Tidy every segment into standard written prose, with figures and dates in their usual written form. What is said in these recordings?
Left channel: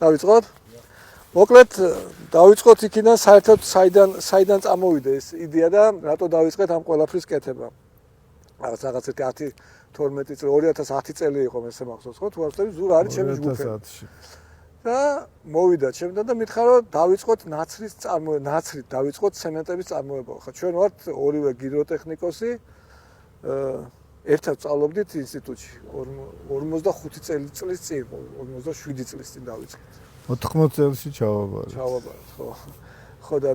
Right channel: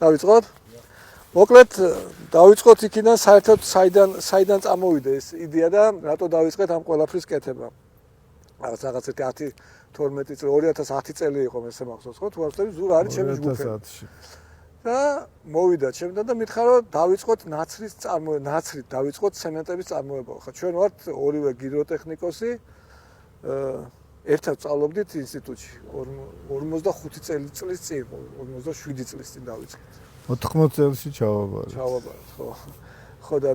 დავიწყოთ? მოკლედ დავიწყოთ იქიდან საერთოდ საიდან წამოვიდა ეს იდეა და რატო დავიწყეთ ამ ყველაფრის კეთება. რაღაც 10 12 წელი 2010 წელი იყო მე მახსოვს ხო? თუ არ ვთქვი ზურ არის ჩემი ჯგუფი. 2010-ში. და მოვიდა ჩემთან და მითხრა რომ დავიწყოთ ნაცრით დავიწყოთ ცემენტების წარმოება. ხო ჩვენ ვართ ორივე გიდროტექნიკოსი ერთად სწავლობდით ინსტიტუტში 45 წლის წინ 47 წლის წინ დავიწყეთ. 80 წელს ჩავაბარეთ, ხო. ხო და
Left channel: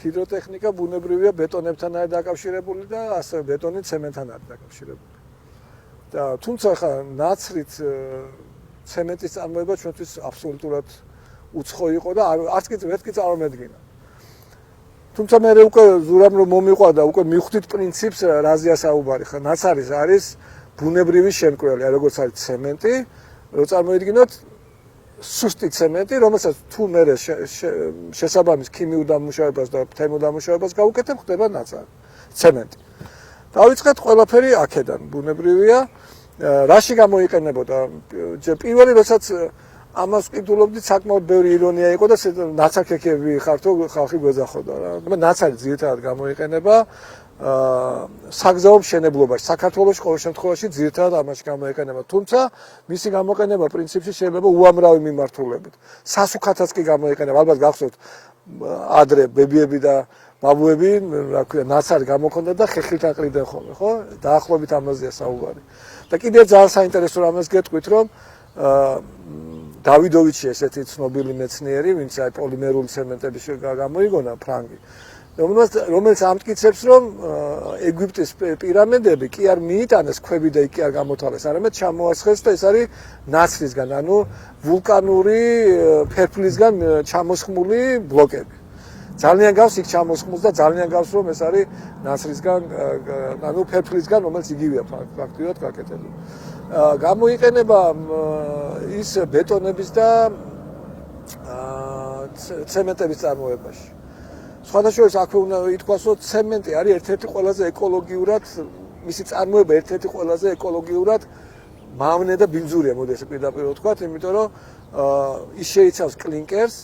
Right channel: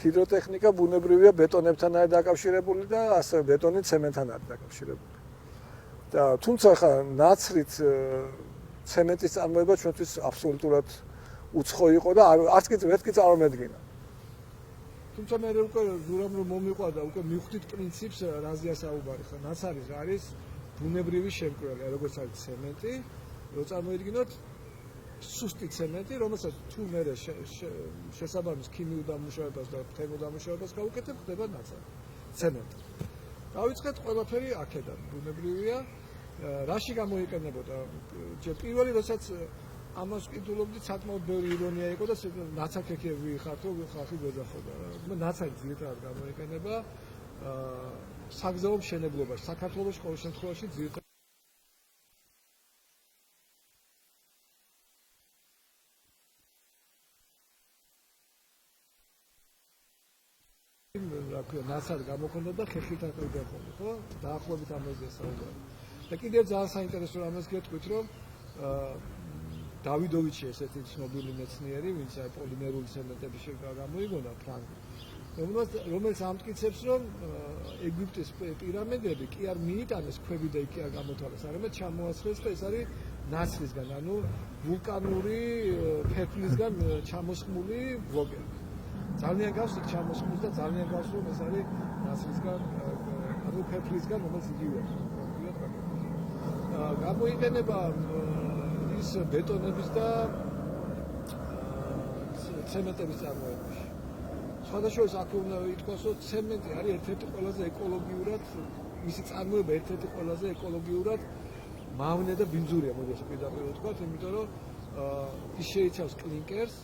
ჰიდროტექნიკა ბუნებრივია ბეტონებთან არის დაკავშირებული და ასევე ბეტონი ცემენტთან არის დაკავშირებული. და თუმცა ხა ნაცრით ცემენტის წარმოება ჩვენთვის აბსოლუტურად უცხო იყო და არც კი წარმოვედგინა. თუმცა მე უკვე ზურამ რომ მომიყვადა უკვე მივხვდით პრინციპს რაზეა საუბარი ხა ნაცარი არის ბუნებრივი შემკვრელი როგორც არის ცემენტი რო წარმოიდგინოთ სუსტი ცემენტი რომელსაც თუ მე შესაბამის ქიმიურ დამუშავებას და თერმულ დამუშავებას გავუკეთებ ხდება ნაცარი ცემენტი დავიწყეთ ყველაფერი აქედან ბუნებრივია რაში გამოიყენებოდა პირველი როდესაც ამას ვკითხულობდით საკმაოდ ბევრი ირონია იყო და ნაცარქექები ხართო ხალხი გვეძახოდა რა ნაცარი ძირითადად გამოიყენება საგზაო მშენებლობაში საქართველოს ყოველ შემთხვევაში ძირითადად ამაში გამოიყენება თუმცა მისი გამოყენება პრინციპში შეიძლება უამრავი მიმართულებით სასუქათაც კი გამოიყენება ალბათ გახსოვთ ადრე ბებიები და ბაბუები რა ქვია ნაცარი გამოქონდა და ხეხილით აყრიდნენ ხოლმე ხო დაახლოებით ამაზეა საუბარი და კიდევ ძალიან საინტერესო რამეს გეტყვით რომ დავიდოვიჩი ესეთი ცნობილი მეცნიერი, ვინც აი პოლიმერული ცემენტების გამოიგონა ფრანგი. რომელიც ამტკიცებს, რომ ეგვიპტის პირამიდები კი არ მიიტანეს ქვები და იქ არ გამოთავეს, არამედ ჩამოასხეს და ეს არის ნაცრისგან, ანუ ვულკანური ფერფლისგან ჩამოსხმული ბლოკები. ძალიან გავს იქ ჩამოსხმულს და ძალიან გავს რომ ეს არის ნაცრისგან, ანუ ფერფლისგან, რომელიც იგივეა ფაქტიურად გაკეთებული. გამოიყენება ის ბეტონების და ცემენტების წარმოებაში. სხვადასხვა აქვე უნდა ითქვას, რომ ცემენტი არის ერთ-ერთი ყველაზე ეკოლოგიურად, მისი წარმოება ერთ-ერთი ყველაზე ეკოლოგიურად მავნე და ბინძურია, მოდი ესე პირდაპირ ვთქვათ, იმიტომ რომ ის შეიცავს კლინკერს,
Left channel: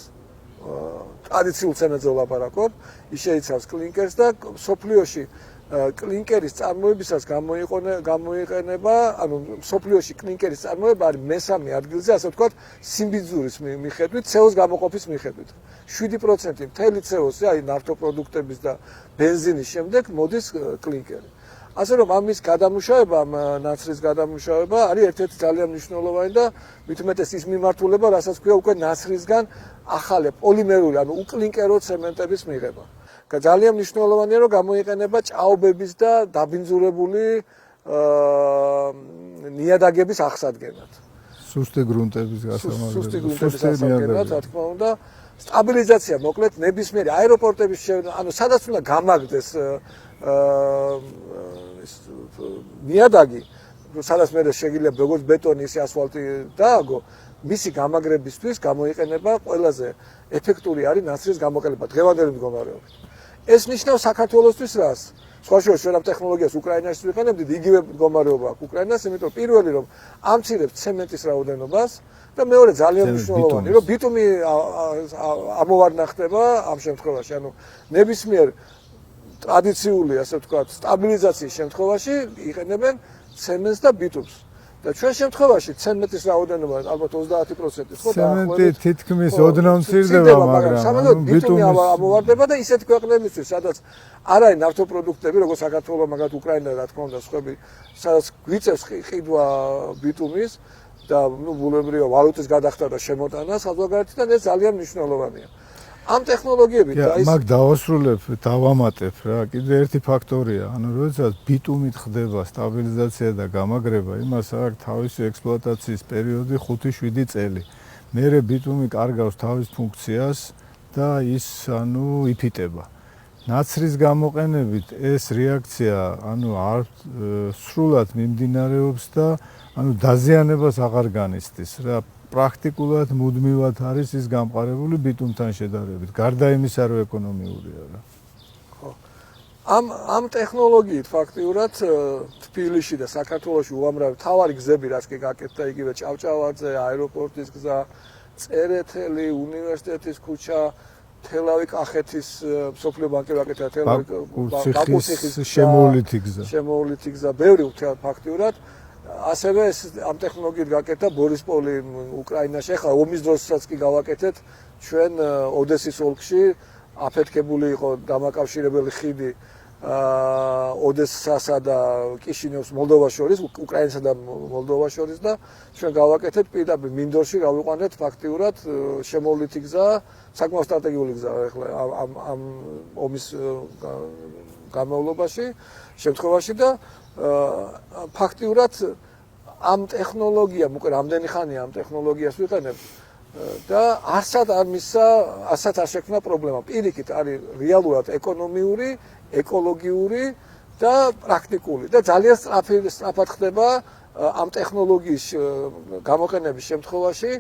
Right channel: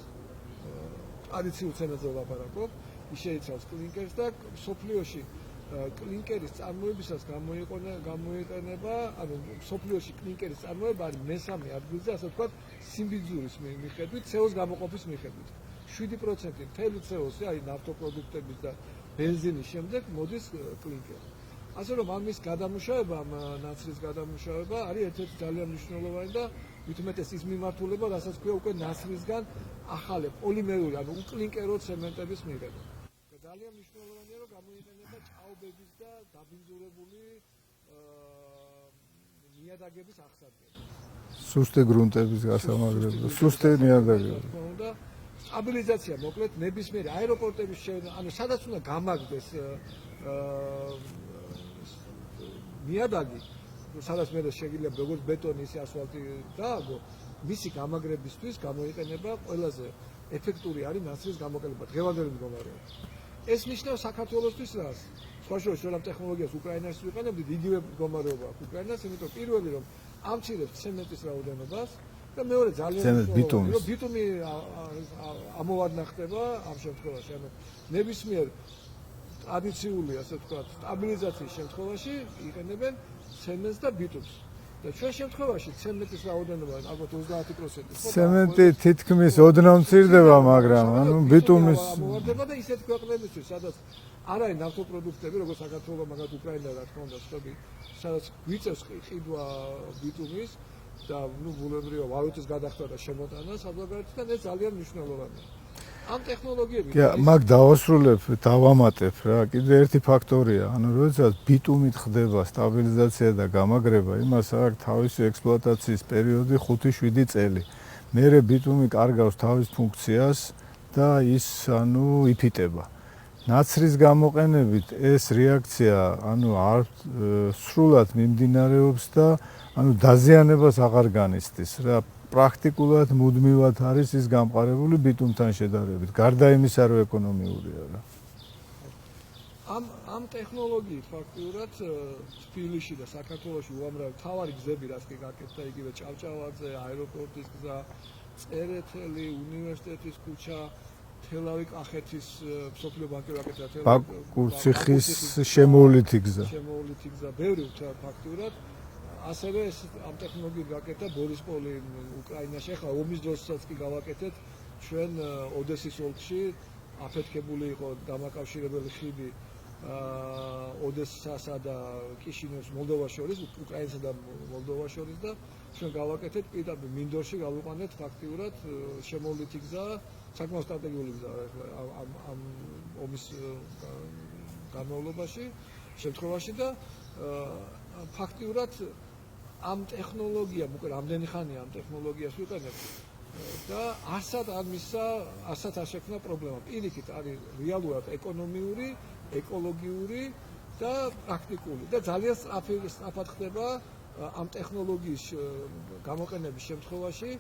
ტრადიციულ ცემენტზე ვლაპარაკობ, ის შეიცავს კლინკერს და სოფლიოში კლინკერის წარმოებისას გამოიყენება, ანუ სოფლიოში კლინკერის წარმოება არის მესამე ადგილზე, ასე ვთქვათ, სიმბიძურის მიხედვით, CO-ს გამოყოფის მიხედვით. 7% მთელი CO-ს, აი ნავთობპროდუქტების და ბენზინის შემდეგ მოდის კლინკერი. ასე რომ ამის გადამუშავება, ნაცრის გადამუშავება არის ერთ-ერთი ძალიან მნიშვნელოვანი და მithumetes ის მიმართულება, რასაც ქვია უკვე ნაცრისგან ახალი პოლიმერული, ანუ უკლინკერო ცემენტების მიღება. ძალიან მნიშვნელოვანია რომ გამოიყენება ჭაობების და დაბინძურებული ნიადაგების აღსადგენად. სუსტი გრუნტების გასამაგრებლად, სუსტი ნიადაგები. რა თქმა უნდა, სტაბილიზაცია მოკლედ ნებისმიერი აეროპორტების ანუ სადაც უნდა გამაგდეს ნიადაგი, სადაც მე შეიძლება როგორც ბეტონი, ისე ასფალტი დააგო, მისი გამაგრებისთვის გამოიყენება ყველაზე ეფექტური არის ნაცრის გამოყენება დღევანდელი მდგომარეობით. ეს ნიშნავს საქართველოსთვის რას? სხვა ჩვენ ამ ტექნოლოგიას უკრაინაში ვიყენებდით, იგივე მდგომარეობა აქვს უკრაინას, იმიტომ პირველი რომ ამცირებს ცემენტის რაოდენობას და მეორე ძალიან მნიშვნელოვანია, რომ ბიტუმი ამოვარდნა ხდება ამ შემთხვევაში, ანუ ნებისმიერ ტრადიციული, ასე ვთქვათ, სტაბილიზაციის შემთხვევაში იყენებენ ცემენტს და ბიტუმს. და ჩვენ შემთხვევაში ცემენტის რაოდენობა ალბათ 30% ხო? ცემენტი თითქმის ოდნავ მცირდება, მაგრამ ანუ ბიტუმის ამოვარდება და ისეთ ქვეყნებისთვის, სადაც არ არის ნავთობპროდუქტები, როგორც საქართველო, მაგათ უკრაინა, რა თქმა უნდა, სხვები, სადაც გვიწევს ყიდვა ბიტუმის და ბუნებრივია ვალუტის გადახდა და შემოტანა საზღვარგარეთიდან ეს ძალიან მნიშვნელოვანია. ამ ტექნოლოგიებით მაგ დავასრულებ, დავამატებ რა, კიდე ერთი ფაქტორია, ანუ როდესაც ბიტუმით ხდება სტაბილიზაცია და გამაგრება, იმას აქვს თავისი ექსპლუატაციის პერიოდი 5-7 წელი. მერე ბიტუმი კარგავს თავის ფუნქციას და ის ანუ იფიტება. ნაცრის გამოყენებით ეს რეაქცია ანუ არ სრულად მიმდინარეობს და ანუ დაზიანებას აღარ განიცდის რა. პრაქტიკულად მუდმივად არის ის გამყარებული ბიტუმთან შედარებით. გარდა იმისა, რომ ეკონომიურია რა. ამ ტექნოლოგიით ფაქტიურად თბილისში და საქართველოში უამრავი თავარი გზები რაც კი გაკეთდა იგივე ჭავჭავაძე, აეროპორტის გზა წერეთელი, უნივერსიტეტის ქუჩა, თელავი კახეთის სოფლიო ბანკი ვაკეთა, ბაკურციხის შემოვლითი გზა. შემოვლითი გზა, ბევრი ფაქტიურად. ასევე ეს ამ ტექნოლოგიით გაკეთა ბორისპოლი უკრაინაში. ახლა ომის დროსაც კი გავაკეთეთ ჩვენ ოდესის ოლქში აფეთქებული იყო დამაკავშირებელი ხიდი ოდესასა და კიშინევს მოლდოვას შორის, უკრაინასა და მოლდოვას შორის და ჩვენ გავაკეთეთ პირდაპირ მინდორში გავიყვანეთ ფაქტიურად შემოვლითი გზა, საკმაოდ სტრატეგიული გზა ახლა ამ ომის განმავლობაში, შემთხვევაში და ფაქტიურად ამ ტექნოლოგიამ უკვე რამდენი ხანია ამ ტექნოლოგიას ვიყენებ და არცად არ მისცა, არცად არ შექმნა პრობლემა. პირიქით არის რეალურად ეკონომიური, ეკოლოგიური და პრაქტიკული და ძალიან სწრაფად ხდება ამ ტექნოლოგიის გამოყენების შემთხვევაში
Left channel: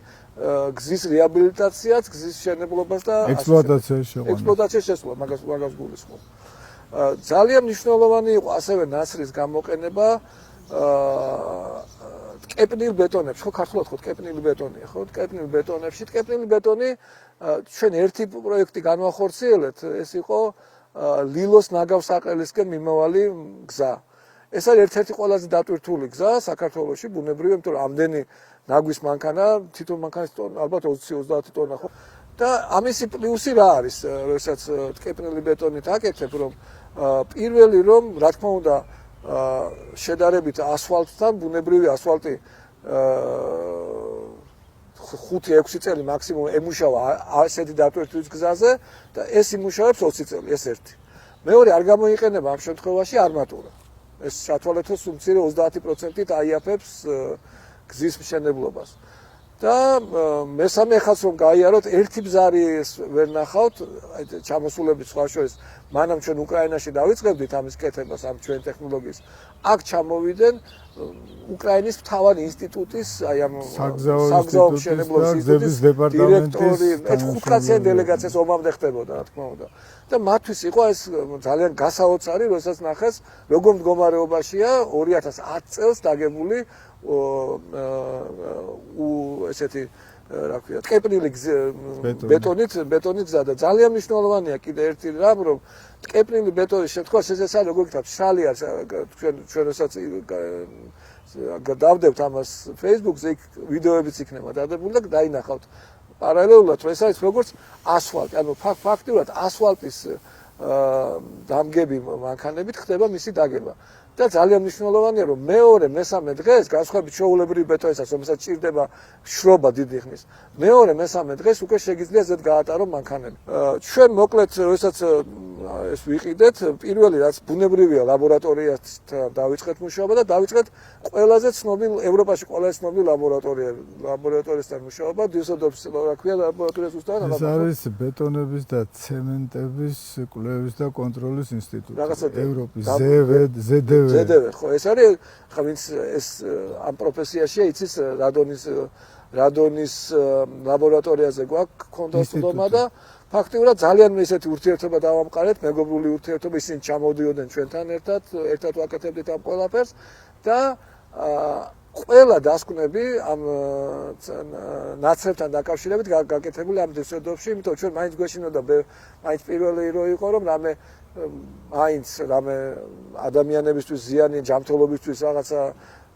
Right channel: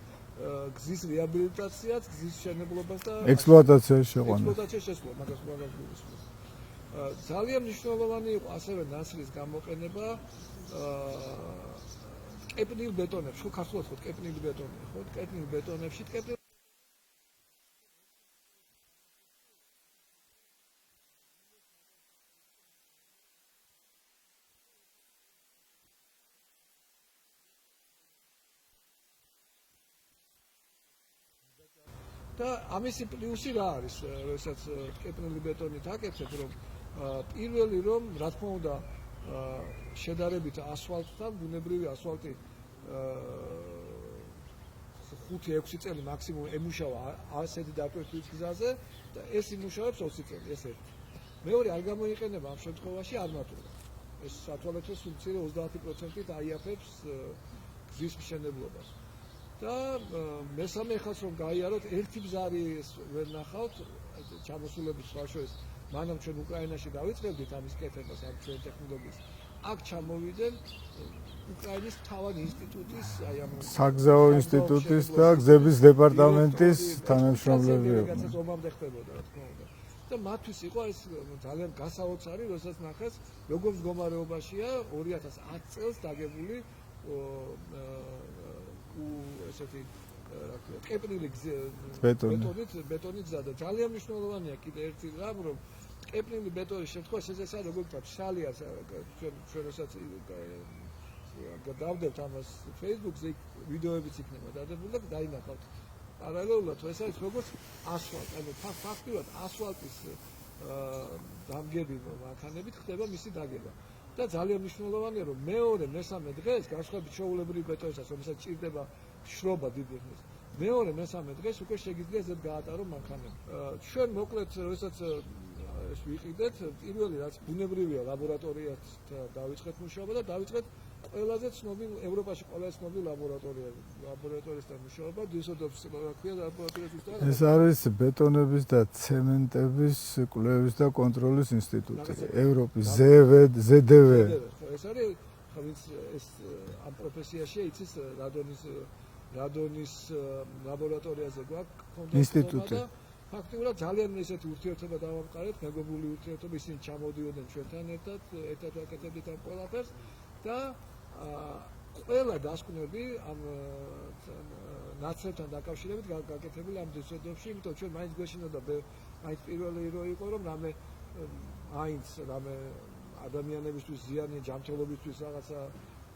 გზის რეაბილიტაციაც, გზის მშენებლობას და ექსპლუატაციაში შეყვანა. ექსპლუატაციაში შესვლა, მაგას გულისხმობ. ძალიან მნიშვნელოვანი იყო ასევე ნაცრის გამოყენება ტკეპნილ ბეტონებში, ხო ქართულად ხო ტკეპნილი ბეტონია, ხო ტკეპნილ ბეტონებში, ტკეპნილი ბეტონი ჩვენ ერთი პროექტი განვახორციელეთ, ეს იყო ლილოს ნაგავსაყელისკენ მიმავალი გზა. ეს არის ერთ-ერთი ყველაზე დატვირთული გზა საქართველოში, ბუნებრივია, იმიტომ რომ ამდენი ნაგვის მანქანა, თვითონ მანქანის ტონა ალბათ 20-30 ტონა ხო. და ამისი პლუსი რა არის, როდესაც ტკეპნილი ბეტონით აკეთებ, რომ პირველი რომ რა თქმა უნდა შედარებით ასფალტთან, ბუნებრივი ასფალტი 5-6 წელი მაქსიმუმ ემუშავა ასეთი დატვირთვის გზაზე და ეს იმუშავებს 20 წელი, ეს ერთი. მეორე არ გამოიყენება ამ შემთხვევაში არმატურა. ეს სათვალეთო სუმცირე 30%-ით აიაფებს გზის მშენებლობას. და მესამე ხაზს რომ გაიაროთ, ერთი ბზარი ვერ ნახავთ, ჩამოსულების სხვა შორის, მანამ ჩვენ უკრაინაში დავიწყებდით ამის კეთებას, ამ ჩვენ ტექნოლოგიის. აქ ჩამოვიდნენ უკრაინის მთავარი ინსტიტუტის, აი ამ საგზაო ინსტიტუტის და გზების დეპარტამენტის თანამშრომელი დელეგაციას ომამდე ხდებოდა, რა თქმა უნდა. და მათთვის იყო ეს ძალიან გასაოცარი, როდესაც ნახეს, როგორ მდგომარეობაშია 2010 წელს დაგებული ესეთი რა ქვია, ტკეპნილი ბეტონით გზა და ძალიან მნიშვნელოვანია კიდე ერთი რამ, რომ ტკეპნილი ბეტონის შემთხვევაში ეს არის როგორ ვთქვათ, შალია ჩვენ როდესაც დავდებთ ამას Facebook-ზე, იქ ვიდეოებიც იქნება დადებული და დაინახავთ პარალელურად, ეს არის როგორც ასფალტი, ანუ ფაქტიურად ასფალტის დამგები მანქანებით ხდება მისი დაგება. და ძალიან მნიშვნელოვანია, რომ მეორე, მესამე დღეს, განსხვავებით ჩვეულებრივი ბეტონისას, რომელსაც ჭირდება შრობა დიდი ხნის, მეორე, მესამე დღეს უკვე შეგიძლია ზედ გაატარო მანქანები. ჩვენ მოკლედ, როდესაც ეს ვიყიდეთ, პირველი რაც ბუნებრივია, ლაბორატორიასთან დავიწყეთ მუშაობა და დავიწყეთ ყველაზე ცნობილ ევროპაში ყველაზე ცნობილ ლაბორატორიასთან მუშაობა, დიუსელდორფის რა ქვია ლაბორატორია ზუსტად. ეს არის ბეტონების და ცემენტების კვლევის და კონტროლის ინსტიტუტი. ევროპის ZDW. ხო, ეს არის, ხა ვინც ეს ამ პროფესიაშია, იცის რადონის ლაბორატორიაზე გვაქვს კონტროლმა და ფაქტიურად ძალიან ისეთი ურთიერთობა დავამყარეთ, მეგობრული ურთიერთობა, ისინი ჩამოდიოდნენ ჩვენთან ერთად ვაკეთებდით ამ ყველაფერს და ყველა დასკვნები ამ ნაცრებთან დაკავშირებით გაკეთებული ამ დიუსელდორფში, იმიტომ ჩვენ მაინც გვეშინოდა, მაინც პირველი რო იყო, რომ მაინც რამე ადამიანებისთვის ზიანი, ჯანმრთელობისთვის რაღაცა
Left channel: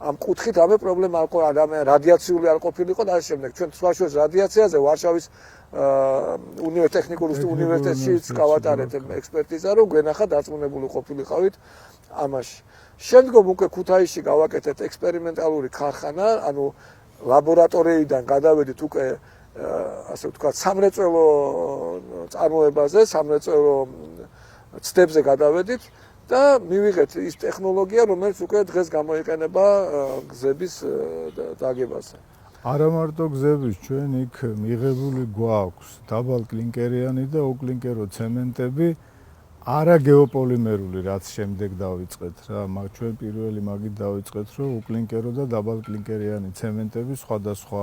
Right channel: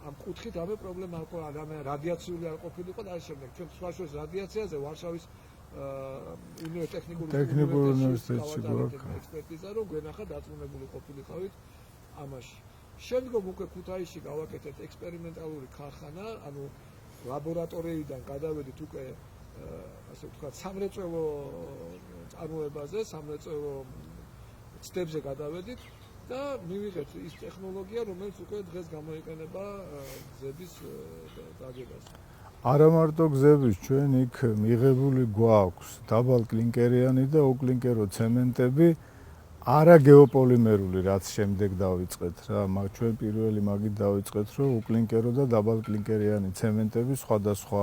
ამ კუთხით რამე პრობლემა არ ყო, რამე რადიაციული არ ყოფილიყო და ამ შემდეგ ჩვენ სხვა შორის რადიაციაზე ვარშავის ტექნიკური უნივერსიტეტში გავატარეთ ექსპერტიზა, რომ გვენახა დარწმუნებული ყოფილიყავით ამაში. შემდგომ უკვე ქუთაისში გავაკეთეთ ექსპერიმენტალური ქარხანა, ანუ ლაბორატორიიდან გადავედით უკვე ასე ვთქვათ, სამრეწველო წარმოებაზე, სამრეწველო ცდებზე გადავედით და მივიღეთ ის ტექნოლოგია, რომელიც უკვე დღეს გამოიყენება გზების დაგებაზე. არა მარტო გზების, ჩვენ იქ მიღებული გვაქვს დაბალკლინკერიანი და უკლინკერო ცემენტები, არა გეოპოლიმერული, რაც შემდეგ დავიწყეთ რა, ჩვენ პირველი მაგით დავიწყეთ, რომ უკლინკერო და დაბალკლინკერიანი ცემენტები სხვადასხვა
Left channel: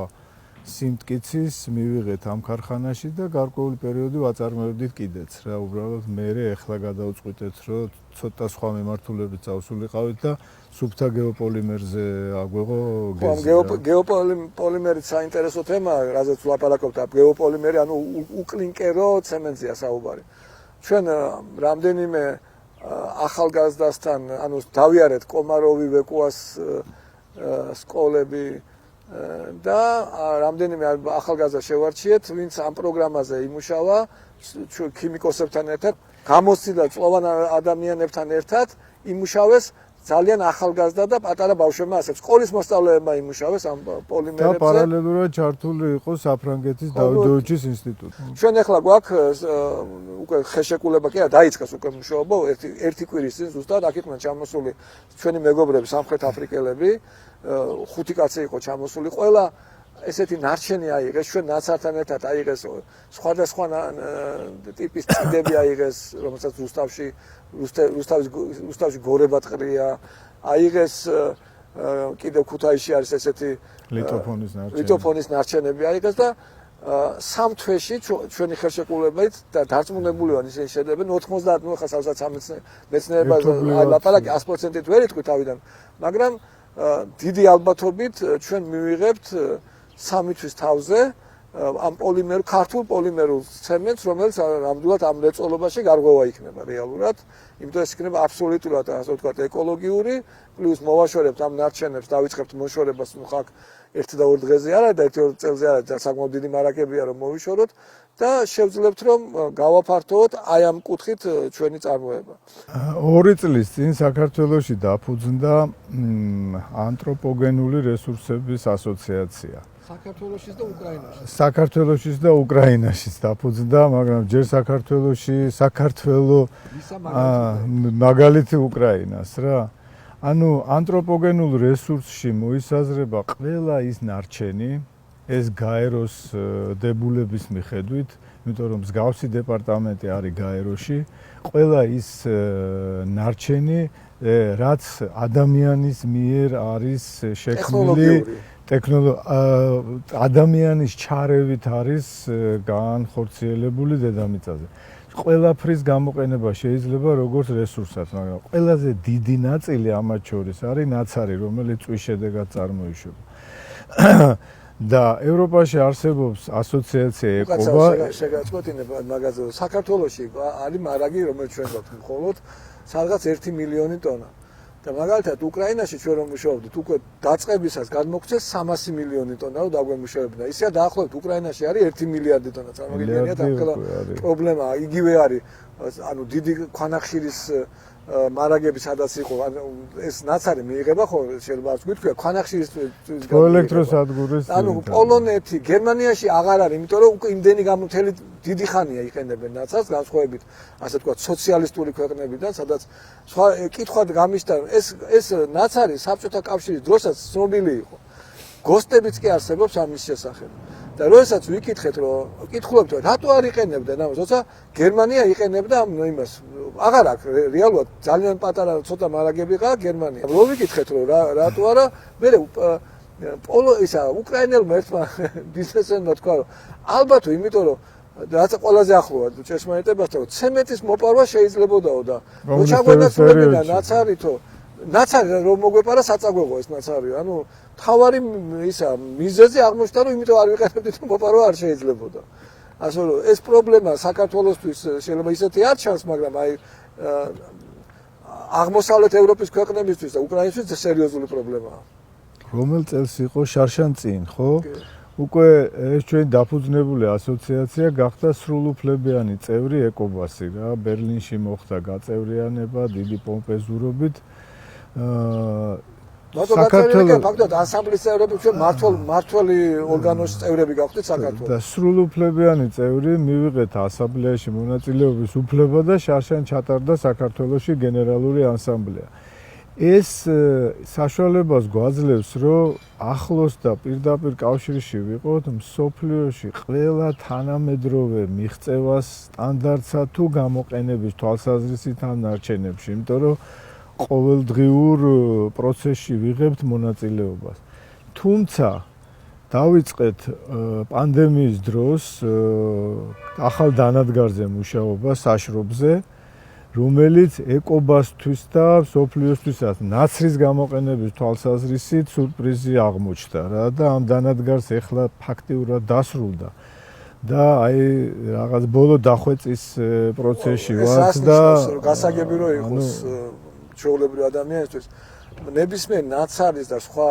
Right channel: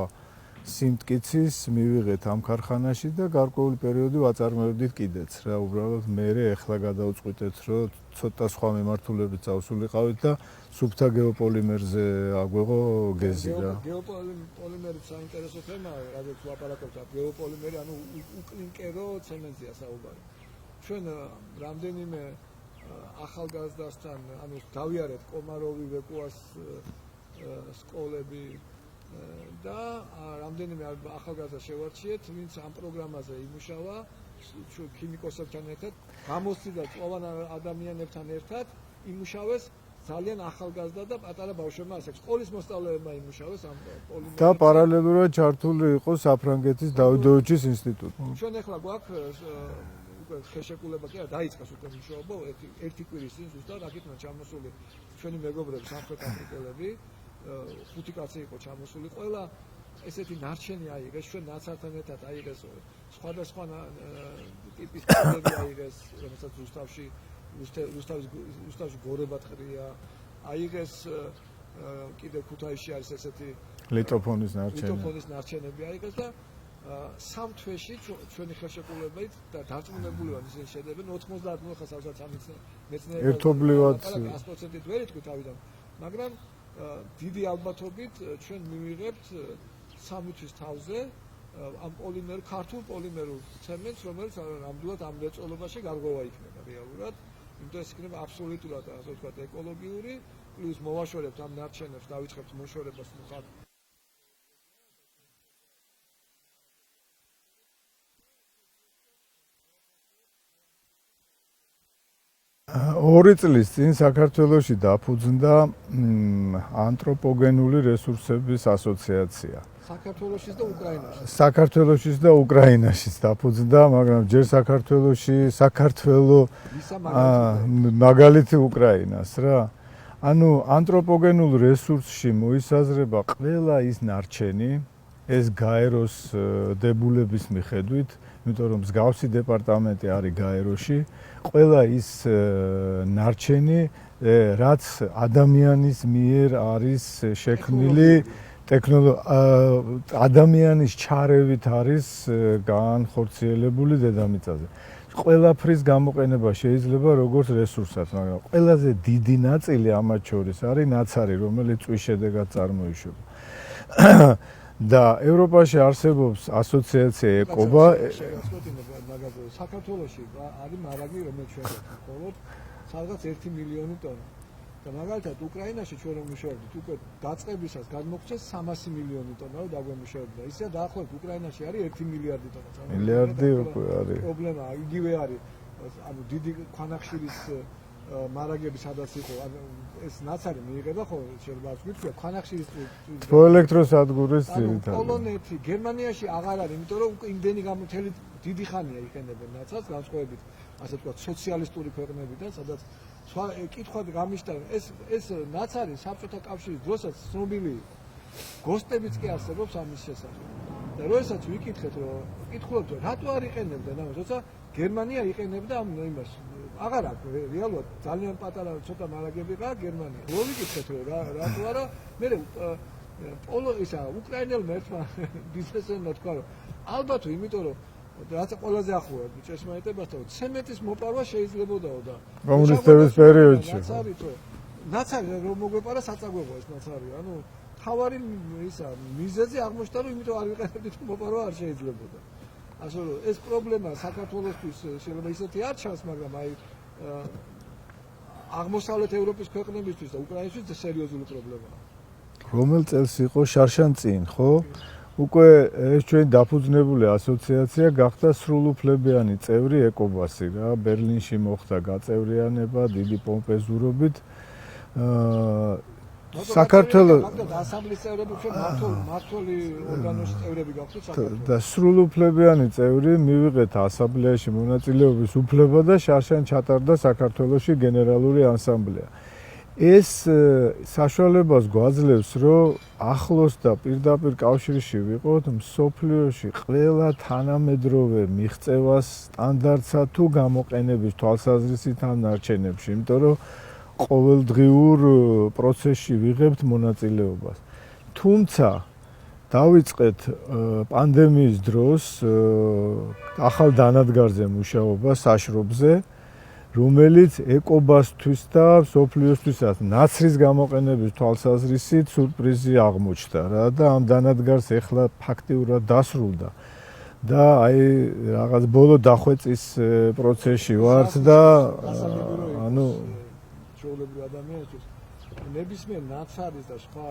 სიმტკიცის მივიღეთ ამ ქარხანაში და გარკვეული პერიოდი ვაწარმოებდით კიდეც რა. უბრალოდ მე ახლა გადავწყვიტეთ, რომ ცოტა სხვა მიმართულებით წავსულიყავით და სუფთა გეოპოლიმერზე აგვეღო გეზი. გეოპოლიმერი საინტერესო თემაა, რაზეც ვლაპარაკობთ. გეოპოლიმერი, ანუ უკლინკერო ცემენტზეა საუბარი. ჩვენ რამდენიმე ახალგაზრდასთან, ანუ დავიარეთ კომაროვი ვეკუას სკოლები და რამდენიმე ახალგაზრდა შევარჩიეთ, ვინც ამ პროგრამაზე იმუშავა, ქიმიკოსებთან ერთად, გამოსცდა წლოვან ადამიანებთან ერთად იმუშავეს ძალიან ახალგაზრდა და პატარა ბავშვებმა, ასე სკოლის მოსწავლეებმა იმუშავეს ამ პოლიმერებზე. და პარალელურად ჩართული იყო საფრანგეთის დავიდოვიჩის ინსტიტუტი. ჩვენ ახლა გვაქვს უკვე ხეშეკულება კი არა, დაიწყეს უკვე მუშაობა ერთი კვირის წინ ზუსტად აქ იყვნენ ჩამოსული ჩვენი მეგობრები სამხრეთ აფრიკელები, 5 კაცი იყო ჩამოსული, ყველა ესეთი ნარჩენი აიღეს, ჩვენ ნაცართან ერთად აიღეს სხვადასხვა ტიპის წიდები აიღეს, რომელსაც რუსთავში გორებად ყრია, აიღეს კიდევ ქუთაისში არის ესეთი ლიტოფონის ნარჩენები აიღეს და სამ თვეში ჩვენი ხელშეკრულებით და დარწმუნებული ვარ ისინი შედებენ 90 ნუ ხა საოცარ მეცნიერება ლაპარაკი 100%-ით ვერ იტყვი თავიდან, მაგრამ დიდი ალბათობით ჩვენ მივიღებთ 3 თვის თავზე ამ პოლიმერ ქართულ პოლიმერულ ცემენტს, რომელიც ნამდვილად ამ მრეწველობაში გარღვევა იქნება რეალურად, იმიტომ ეს იქნება აბსოლუტურად ასე ვთქვათ ეკოლოგიური, პლუს მოვაშორებთ ამ ნარჩენებს, დავიწყებთ მოშორებას, ნუ ხა 1-2 დღეზე არა და 1-2 წელზე არა და საკმაოდ დიდი მარაკებია რომ მოვიშოროთ და შევძლებთ რომ გავაფართოვოთ აი ამ კუთხით ჩვენი წარმოება. 2 წლის წინ საქართველოში დაფუძნდა ანთროპოგენული რესურსების ასოციაცია. საქართველოშიც და უკრაინაშიც. საქართველოშიც და უკრაინაშიც დაფუძნდა, მაგრამ ჯერ საქართველო მაგალითი უკრაინას რა. ანუ ანთროპოგენულ რესურსში მოისაზრება ყველა ის ნარჩენი, ეს გაეროს დებულების მიხედვით, იმიტომ რომ მსგავსი დეპარტამენტი არის გაეროში, ყველა ის ნარჩენი, რაც ადამიანის მიერ არის შექმნილი ადამიანის ჩარევით არის განხორციელებული დედამიწაზე. ყველაფრის გამოყენება შეიძლება როგორც რესურსად, მაგრამ ყველაზე დიდი ნაწილი ამათ შორის არის ნაცარი, რომელიც წვის შედეგად წარმოიშობა. და ევროპაში არსებობს ასოციაცია ეკობა. საქართველოში არის მარაგი, რომელიც ჩვენ გვაქვს მხოლოდ სადღაც 1 მილიონი ტონა. და მაგალითად უკრაინაში ჩვენ რომ მუშაობდით, უკვე დაწყებისას გადმოგწეს 300 მილიონი ტონა რომ დაგვემუშავებინა. ისეა დაახლოებით უკრაინაში არის 1 მილიარდი ტონა. პრობლემა იგივე არის, ანუ დიდი ქვანახშირის მარაგები სადაც იყო, ეს ნაცარი მიიღება ხო შეიძლება ვთქვი, ქვანახშირის თბოელექტროსადგურის ანუ პოლონეთი, გერმანიაში აღარ არის, იმიტომ რომ უკვე იმდენი გამოთელი დიდი ხანია იყენებენ ნაცარს, განსხვავებით ასე ვთქვათ სოციალისტური ქვეყნებიდან, სადაც სხვა კითხვა გამიშთა, ეს ნაცარი საბჭოთა კავშირის დროსაც ცნობილი იყო. გოსტებიც კი არსებობს ამის შესახებ. და როდესაც ვიკითხეთ, რომ კითხულობთ, რატო არ იყენებდნენ ამას, როცა გერმანია იყენებდა ამ იმას აღარ აქვს რეალურად ძალიან პატარა ცოტა მარაგები ყავ გერმანია. რო ვიკითხეთ რომ რატო არა, მე უკრაინელმა ერთმა ბიზნესმენმა თქვა რომ ალბათ იმიტომ რომ რაც ყველაზე ახლოა ჭეშმარიტებასთან, ცემენტის მოპარვა შეიძლებაოდაო და კომუნისტების პერიოდში ნაცარი რომ მოგვეპარა საწაგვეღო ეს ნაცარი, ანუ თავარი მიზეზი აღმოჩნდა რომ იმიტომ არ ვიყენებდით მოპარვა არ შეიძლებოდა. ასე რომ ეს პრობლემა საქართველოსთვის შეიძლება ისეთი არ ჩანს, მაგრამ აი აღმოსავლეთ ევროპის ქვეყნებისთვის და უკრაინისთვის სერიოზული პრობლემაა. რომელ წელს იყო შარშან წინ, ხო? უკვე ეს ჩვენი დაფუძნებული ასოციაცია გახდა სრულუფლებიანი წევრი ეკობასი რა. ბერლინში მოხდა გაწევრიანება დიდი პომპეზურობით. საქართველოს ასამბლეის წევრები ჩვენ მმართველი ორგანოს წევრები გავხდით საქართველოს. და სრულუფლებიანი წევრი მივიღეთ ასამბლეაში მონაწილეობის უფლება და შარშან ჩატარდა საქართველოში გენერალური ასამბლეა. ეს საშუალებას გვაძლევს, რომ ახლოს და პირდაპირ კავშირში ვიყოთ მსოფლიოში ყველა თანამედროვე მიღწევას სტანდარტსა თუ გამოყენების თვალსაზრისით ამ ნარჩენებში, იმიტომ რომ ყოველდღიურ პროცესში ვიღებთ მონაწილეობას. თუმცა დავიწყეთ პანდემიის დროს ახალ დანადგარზე მუშაობა საშრობზე, რომელიც ეკობასთვის და სოფლიოსთვისაც ნაცრის გამოყენების თვალსაზრისით სურპრიზი აღმოჩნდა რა და ამ დანადგარს ეხლა ფაქტიურად დასრულდა. და აი რაღაც ბოლო დახვეწის პროცესში ვართ და გასაგები რომ იყოს ჩვეულებრივ ადამიანისთვის ნებისმიერ ნაცარის და სხვა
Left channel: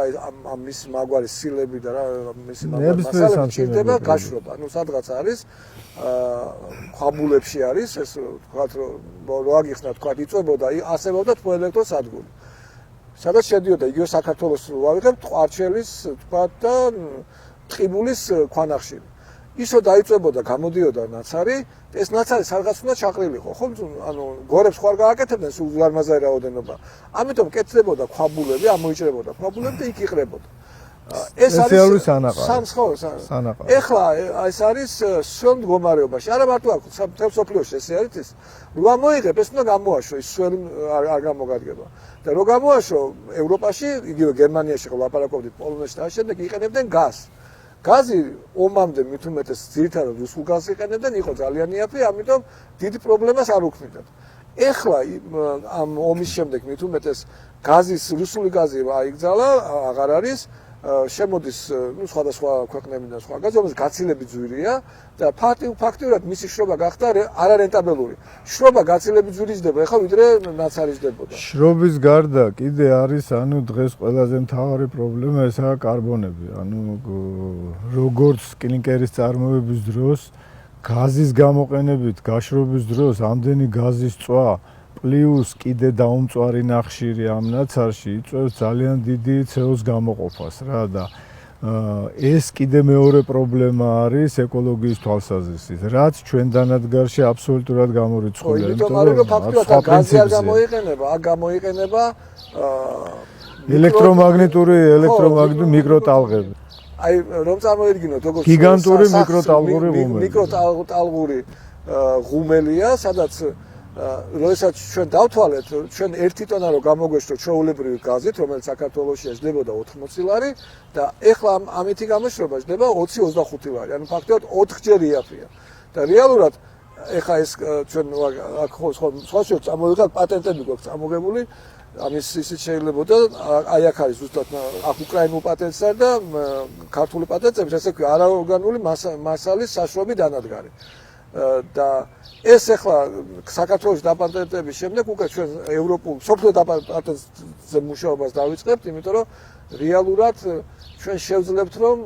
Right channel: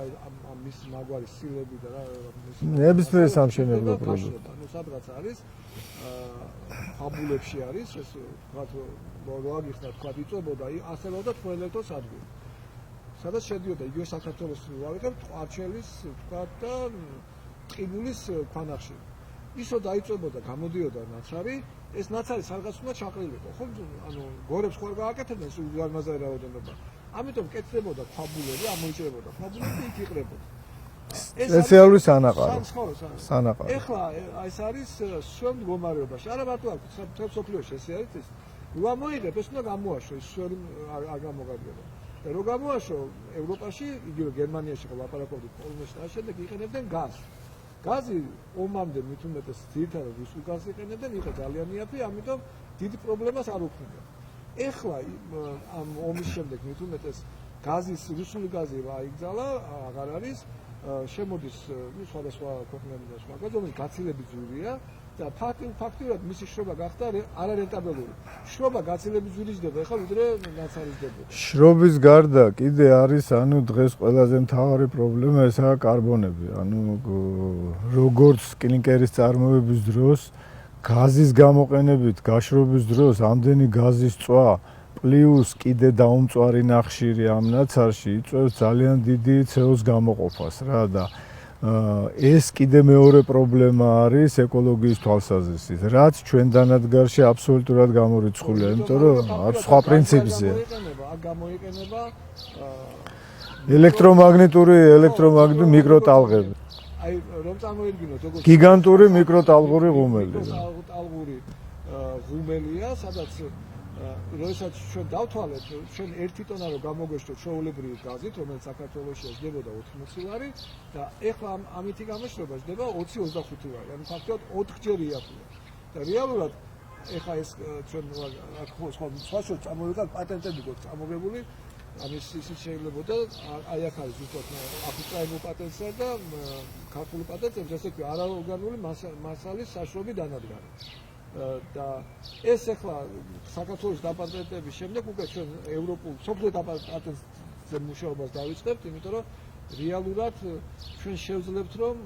ამის მაგვარი სილები და რა მის ნებისმიერ სამშენებლო გაშრობა. ანუ სადღაც არის ხაბულებში არის ეს თქვათ რომ ლოაგიხსნა თქვათ იწვებოდა ასებობდა თვალელექტროსადგური. სადაც შედიოდა იგივე საქართველოს ვავიღებთ ყვარჩელის თქვათ და ტყიბულის ქვანახშირი. ისო დაიწვებოდა გამოდიოდა ნაცარი, ეს ნაცარი სადღაც უნდა ჩაყრილიყო, ხო? ანუ გორებს ხوار გააკეთებდნენ სულ ლარმაზარი რაოდენობა. ამიტომ კეთდებოდა ქვაბულები, ამოიჭრებოდა ქვაბულები და იქ იყრებოდა. ეს სპეციალური სანაყარი. სანაყარი. ეხლა ეს არის სულ მდგომარეობაში. არა მარტო აქ მთელ სოფლიოში ესე არის ეს. რომ მოიღებ, ეს უნდა გამოაშო, ის სულ არ გამოგადგება. და რო გამოაშო ევროპაში, იგივე გერმანიაში ხო ლაპარაკობდით პოლონეთში და შემდეგ იყენებდნენ გაზს. გაზი ომამდე მით უმეტეს ძირითადად რუსულ გაზს იყენებდნენ, იყო ძალიან იაფი, ამიტომ დიდი პრობლემას არ უქმნიდა. ეხლა ამ ომის შემდეგ მით უმეტეს გაზის რუსული გაზი აიგზალა, აღარ არის, შემოდის სხვადასხვა ქვეყნებიდან სხვა გაზი, რომელიც გაცილებით ძვირია და ფაქტიურად მისი შრობა გახდა არარენტაბელური. შრობა გაცილებით ძვირი ჯდება, ეხლა ვიდრე ნაცარი ჯდებოდა. შრობის გარდა კიდე არის ანუ დღეს ყველაზე მთავარი პრობლემა ესაა კარბონები. ანუ როგორც კლინკერის წარმოების დროს გაზის გამოყენებით გაშრობის დროს ამდენი გაზის წვა პლუს კიდე დაუმწვარი ნახშირი ამ ნაცარში იწვევს ძალიან დიდი CO2-ს გამოყოფას რა და ეს კიდე მეორე პრობლემა არის ეკოლოგიის თვალსაზრისით, რაც ჩვენ დანადგარში აბსოლუტურად გამორიცხულია, იმიტომ რომ სხვა პრინციპზე გამოიყენება ელექტრომაგნიტური მიკროტალღები. აი რომ წარმოიდგინოთ როგორც გიგანტური მიკროტალღური ღუმელი. მიკროტალღური ღუმელია, სადაც როდესაც ჩვენ დავთვალეთ, ჩვენ 1 ტონა რო გამოგვეშვა ჩვეულებრივი გაზით, რომელიც საქართველოში ეშდებოდა 80 ლარი და ეხლა ამითი გამოშრობა ეშდება 20-25 ლარი. ანუ ფაქტობრივად 4-ჯერ იაფია. და რეალურად ეხლა ეს ჩვენ აქ სხვა წამოვიღოთ პატენტები გვაქვს წამოგებული, ამის ისიც შეიძლებოდა აი აქ არის ზუსტად აქ უკრაინულ პატენტსა და ქართული პატენტები, ესე ვთქვი, არაორგანული მასალის საშრობი დანადგარი. და ეს ახლა საქართველოს დაპატენტების შემდეგ უკვე ჩვენ ევროპულ სოფლიო დაპატენტზე მუშაობას დავიწყებთ, იმიტომ რომ რეალურად ჩვენ შევძლებთ რომ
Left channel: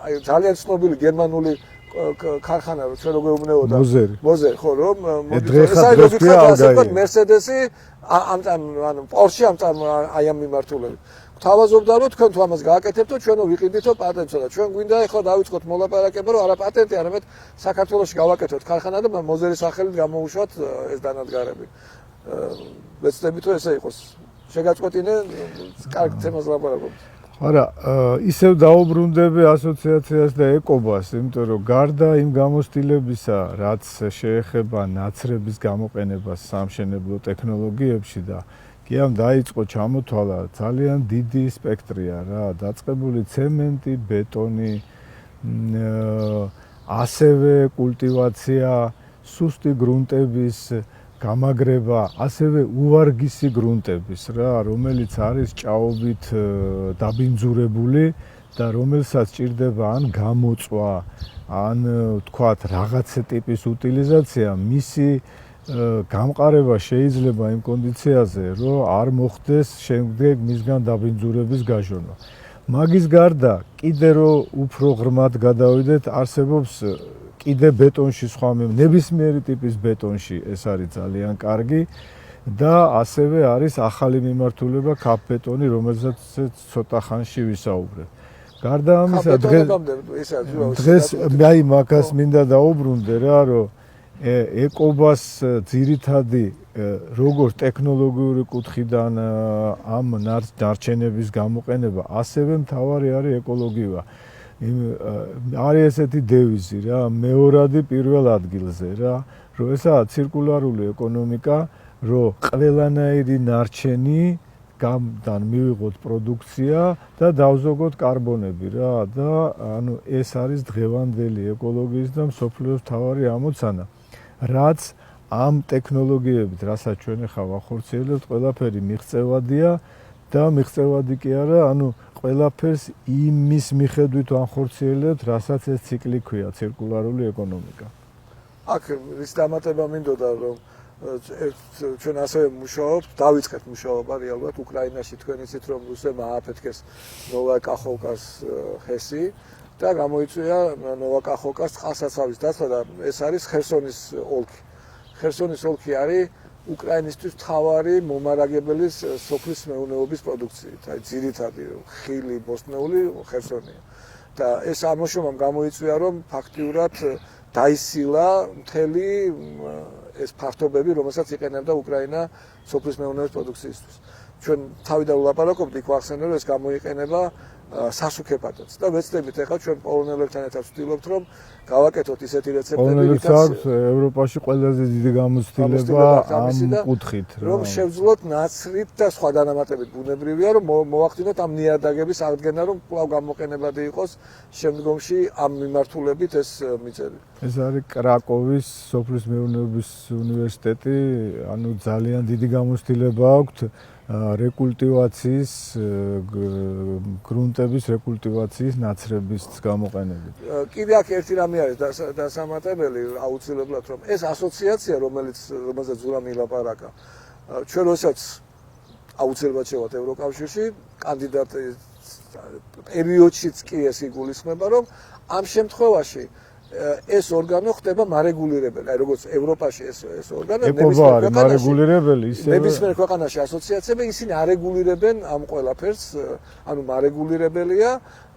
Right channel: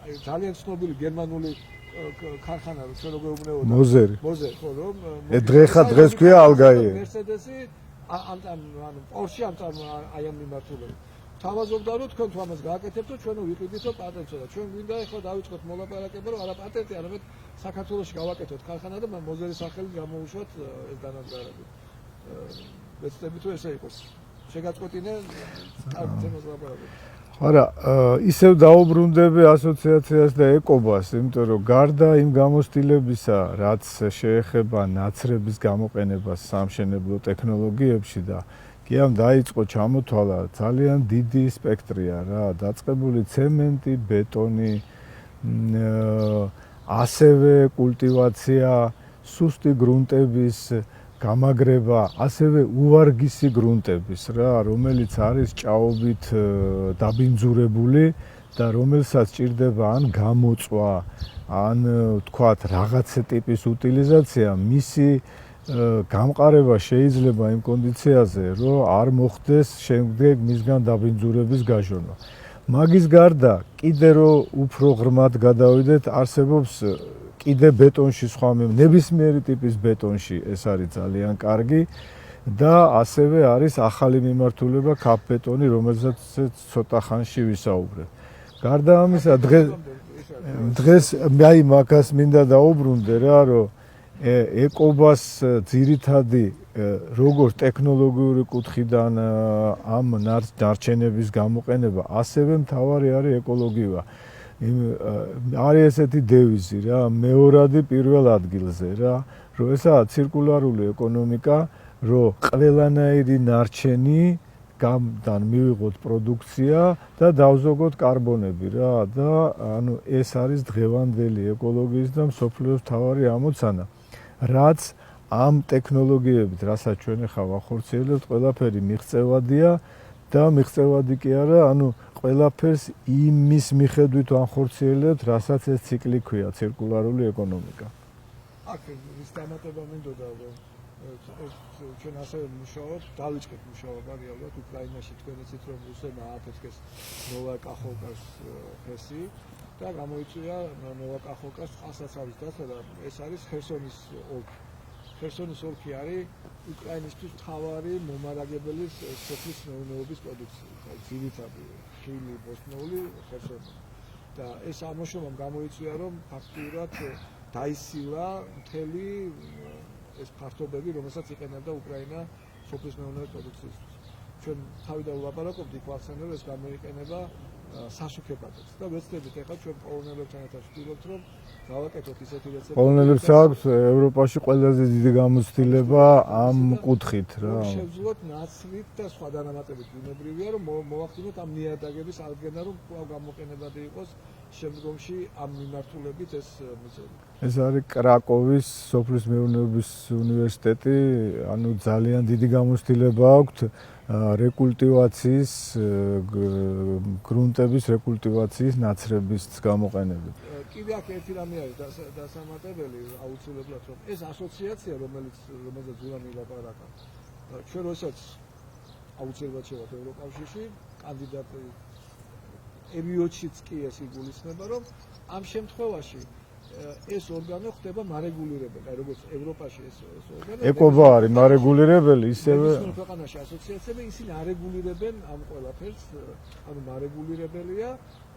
აი ძალიან ცნობილი გერმანული ქარხანა ჩვენ როგორ უმნეოდა მოზერი ხო რომ დღეს ქვია ალგაი მერსედესი ანუ პორშე აი ამ მიმართულებით თავაზობდა რომ თქვენ თუ ამას გააკეთებთ ჩვენო ვიყიდითო პატენტს და ჩვენ გვინდა ახლა დავიწყოთ მოლაპარაკება რომ არა პატენტი არამედ საქართველოში გავაკეთოთ ქარხანა და მოზერის სახელით გამოუშვათ ეს დანადგარები ვეცდებით რომ ესე იყოს შეგაწყვეტინე კარგ თემას ლაპარაკობთ არა ისევ დაუბრუნდები ასოციაციას და ეკობას იმიტომ რომ გარდა იმ გამოცდილებისა რაც შეეხება ნაცრების გამოყენებას სამშენებლო ტექნოლოგიებში და კი ამ დაიწყო ჩამოთვალა ძალიან დიდი სპექტრია რა დაწყებული ცემენტი, ბეტონი, ასევე კულტივაცია, სუსტი გრუნტების გამაგრება, ასევე უვარგისი გრუნტების რა, რომელიც არის ჭაობით დაბინძურებული და რომელსაც ჭირდება ან გამოწვა, ან თქვათ რაღაცა ტიპის უტილიზაცია, მისი გამყარება შეიძლება იმ კონდიციაზე, რომ არ მოხდეს შემდეგ მისგან დაბინძურების გაჟონა. მაგის გარდა, კიდე რომ უფრო ღრმად გადავიდეთ, არსებობს კიდე ბეტონში სხვა ნებისმიერი ტიპის ბეტონში ეს არის ძალიან კარგი და ასევე არის ახალი მიმართულება ქაფბეტონი, რომელზეც ცოტა ხანში ვისაუბრებ. გარდა ამისა, დღეს აი მაგას მინდა დაუბრუნდე რა, რომ ეკობას ძირითადი როგორც ტექნოლოგიური კუთხიდან ამ ნარჩენების გამოყენება, ასევე მთავარი არის ეკოლოგია. არის ესეთი დევიზი რა, მეორადი პირველ ადგილზე რა, რომ ესაა ცირკულარული ეკონომიკა, რომ ყველანაირი ნარჩენი გამთან მივიღოთ პროდუქცია და დავზოგოთ კარბონები რა და ანუ ეს არის დღევანდელი ეკოლოგიის და მსოფლიოს მთავარი ამოცანა რაც ამ ტექნოლოგიებით რასაც ჩვენ ახლა ვახორციელებთ ყველაფერი მიღწევადია და მიღწევადი კი არა ანუ ყველაფერს იმის მიხედვით ვახორციელებთ რასაც ეს ციკლი ქვია ცირკულარული ეკონომიკა აქ ის დამატება მინდოდა რომ ჩვენ ასე მუშაობთ, დავიწყეთ მუშაობა რეალურად უკრაინაში თქვენ იცით რომ რუსებმა ააფეთქეს ნოვაკახოვკას ხესი და გამოიწვია ნოვაკახოვკას წყალსაცავის დაცვა და ეს არის ხერსონის ოლქი. ხერსონის ოლქი არის უკრაინისთვის მთავარი მომარაგებელი სოფლის მეურნეობის პროდუქციით, აი ძირითადი ხილი, ბოსტნეული ხერსონია. და ეს ამოშრომამ გამოიწვია რომ ფაქტიურად დაისილა მთელი ეს ფართობები, რომელსაც იყენებდა უკრაინა სოფლის მეურნეობის პროდუქციისთვის. ჩვენ თავიდან ვლაპარაკობთ, იქ ვახსენე, რომ ეს გამოიყენება სასუქებადაც. და ვეცდებით ახლა ჩვენ პოლონელებთან ერთად ვცდილობთ, რომ გავაკეთოთ ისეთი რეცეპტები. პოლონელებს აქვს ევროპაში ყველაზე დიდი გამოცდილება ამ კუთხით რა. რომ შევძლოთ ნაცრით და სხვა დანამატებით ბუნებრივია, რომ მოვახდინოთ ამ ნიადაგების აღდგენა, რომ კვლავ გამოყენებადი იყოს შემდგომში ამ მიმართულებით ეს მიწები. ეს არის კრაკოვის სოფლის მეურნეობის უნივერსიტეტი, ანუ ძალიან დიდი გამოცდილება აქვს რეკულტივაციის გრუნტების რეკულტივაციის ნაცრების გამოყენებით. კიდე აქ ერთი რამე არის დასამატებელი აუცილებლად რომ ეს ასოციაცია რომელსაც ზურამი ლაპარაკა ჩვენ როსაც აუცილებლად შევართ ევროკავშირში კანდიდატი პერიოდშიც კი ეს იგულისხმება რომ ამ შემთხვევაში ეს ორგანო ხდება მარეგულირებელი, აი როგორც ევროპაში ეს ორგანო ეკობა არის მარეგულირებელი, ისევე ნებისმიერ ქვეყანაში ასოციაციები ისინი არეგულირებენ ამ ყველაფერს, ანუ მარეგულირებელია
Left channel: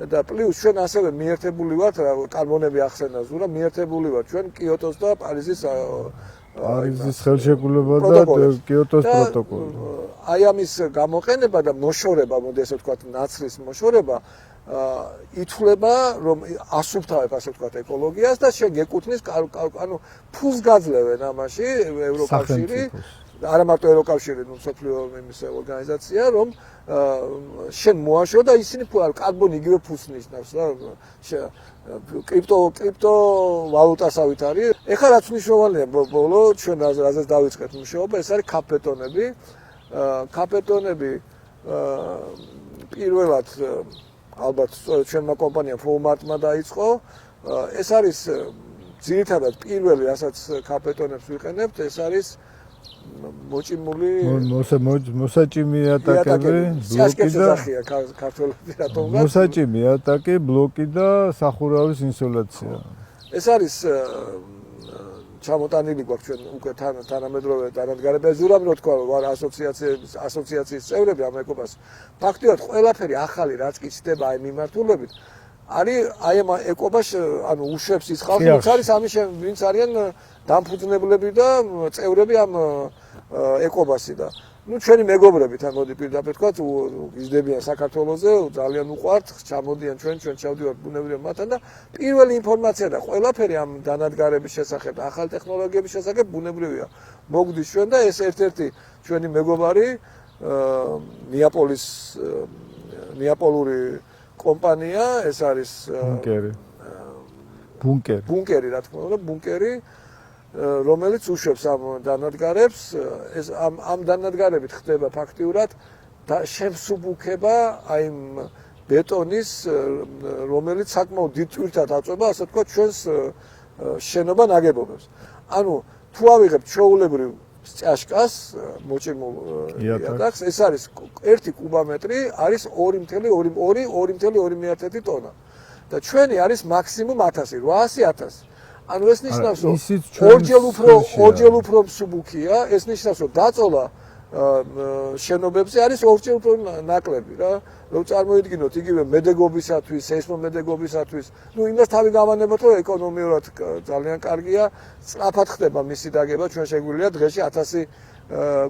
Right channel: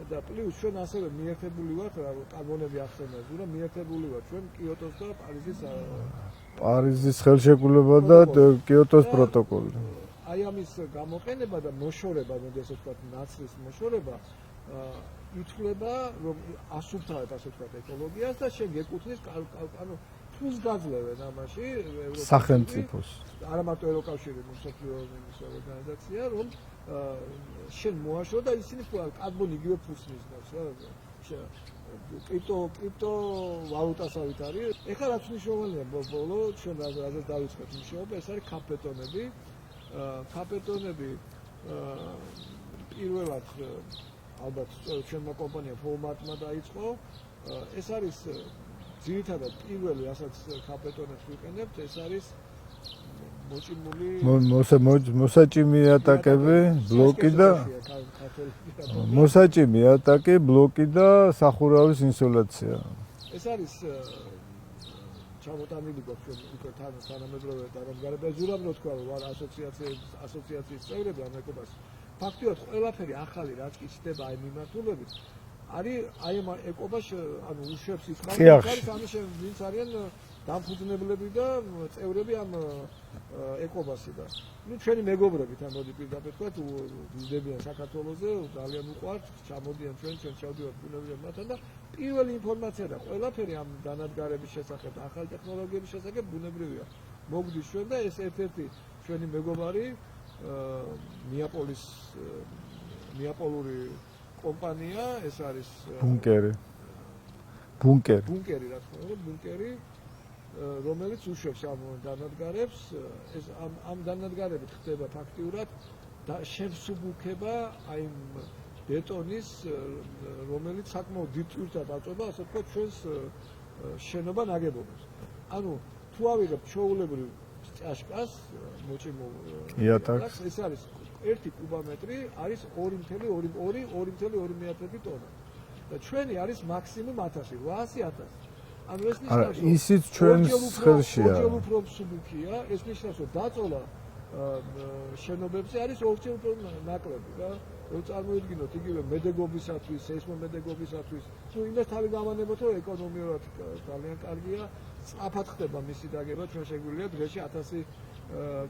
და პლუს ჩვენ ასევე მიერთებული ვართ, კარბონები ახსენა ზურა, მიერთებული ვართ ჩვენ კიოტოს და პარიზის ხელშეკრულება და კიოტოს პროტოკოლი. აი ამის გამოყენება და მოშორება, მოდი ასე ვთქვათ, ნაცრის მოშორება ითვლება რომ ასუფთავებ ასე ვთქვათ ეკოლოგიას და შენ გეკუთვნის ანუ ფულს გაძლევენ ამაში ევროკავშირი არა მარტო ევროკავშირი მსოფლიო ორგანიზაცია რომ შენ მოაშრო და ისინი კარბონი იგივე ფულს ნიშნავს რა კრიპტო ვალუტასავით არის ეხლა რაც მნიშვნელოვანია ბოლო ჩვენ რაზეც დავიწყეთ მუშაობა ეს არის კაპეტონები პირველად ალბათ ჩვენმა კომპანიამ Fullmart-მა დაიწყო. ეს არის ძირითადად პირველი, რასაც კაპეტონებს ვიყენებთ, ეს არის მოჭიმული მოსაჭიმი ატაკები, ბლოკი და მოსაჭიმი ატაკი, ბლოკი და სახურავის ინსოლაცია. ეს არის ჩამოტანილი გვაქვს ჩვენ უკვე თანამედროვე დანადგარებები ზურამ რო თქვა ვარ ასოციაციის წევრები ამ ეკობას ფაქტიურად ყველაფერი ახალი რაც კი ხდება აი მიმართულებით არის აი ამ ეკობას ანუ უშვებს ის ხალხი არის ამის ვინც არიან დამფუძნებლები და წევრები ამ ეკობასი და ну ჩვენი მეგობრები თან მოდი პირდაპირ თქვა გიზდებიან საქართველოზე ძალიან უყვართ ჩამოდიან ჩვენ ჩავდივართ ბუნებრივია მათთან და პირველი ინფორმაცია და ყველაფერი ამ დანადგარების შესახებ ახალ ტექნოლოგიების შესახებ ბუნებრივია მოგდის ჩვენ და ეს ერთ-ერთი ჩვენი მეგობარი ნეაპოლური კომპანია ეს არის ბუნკერი რა თქმა უნდა ბუნკერი რომელიც უშვებს ამ დანადგარებს ეს ამ დანადგარებით ხდება ფაქტიურად და შემსუბუქება აი ბეტონის რომელიც საკმაოდ დიდ ტვირთად აწვება ასე ვთქვათ ჩვენს შენობა ნაგებობებს ანუ თუ ავიღებთ ჩვეულებრივ ჭაშკას მოჭიმულ იატაკს ეს არის 1 კუბომეტრი არის 2.2 ტონა და ჩვენი არის მაქსიმუმ 1000 ანუ ეს ნიშნავს რომ ორჯერ უფრო მსუბუქია ეს ნიშნავს რომ დაწოლა შენობებზე არის ორჯერ უფრო ნაკლები რა რომ წარმოიდგინოთ იგივე მედეგობისათვის სეისმომედეგობისათვის ну იმას თავი გავანებოთ რომ ეკონომიურად ძალიან კარგია სწრაფად ხდება მისი დაგება ჩვენ შეგვიძლია დღეში 1000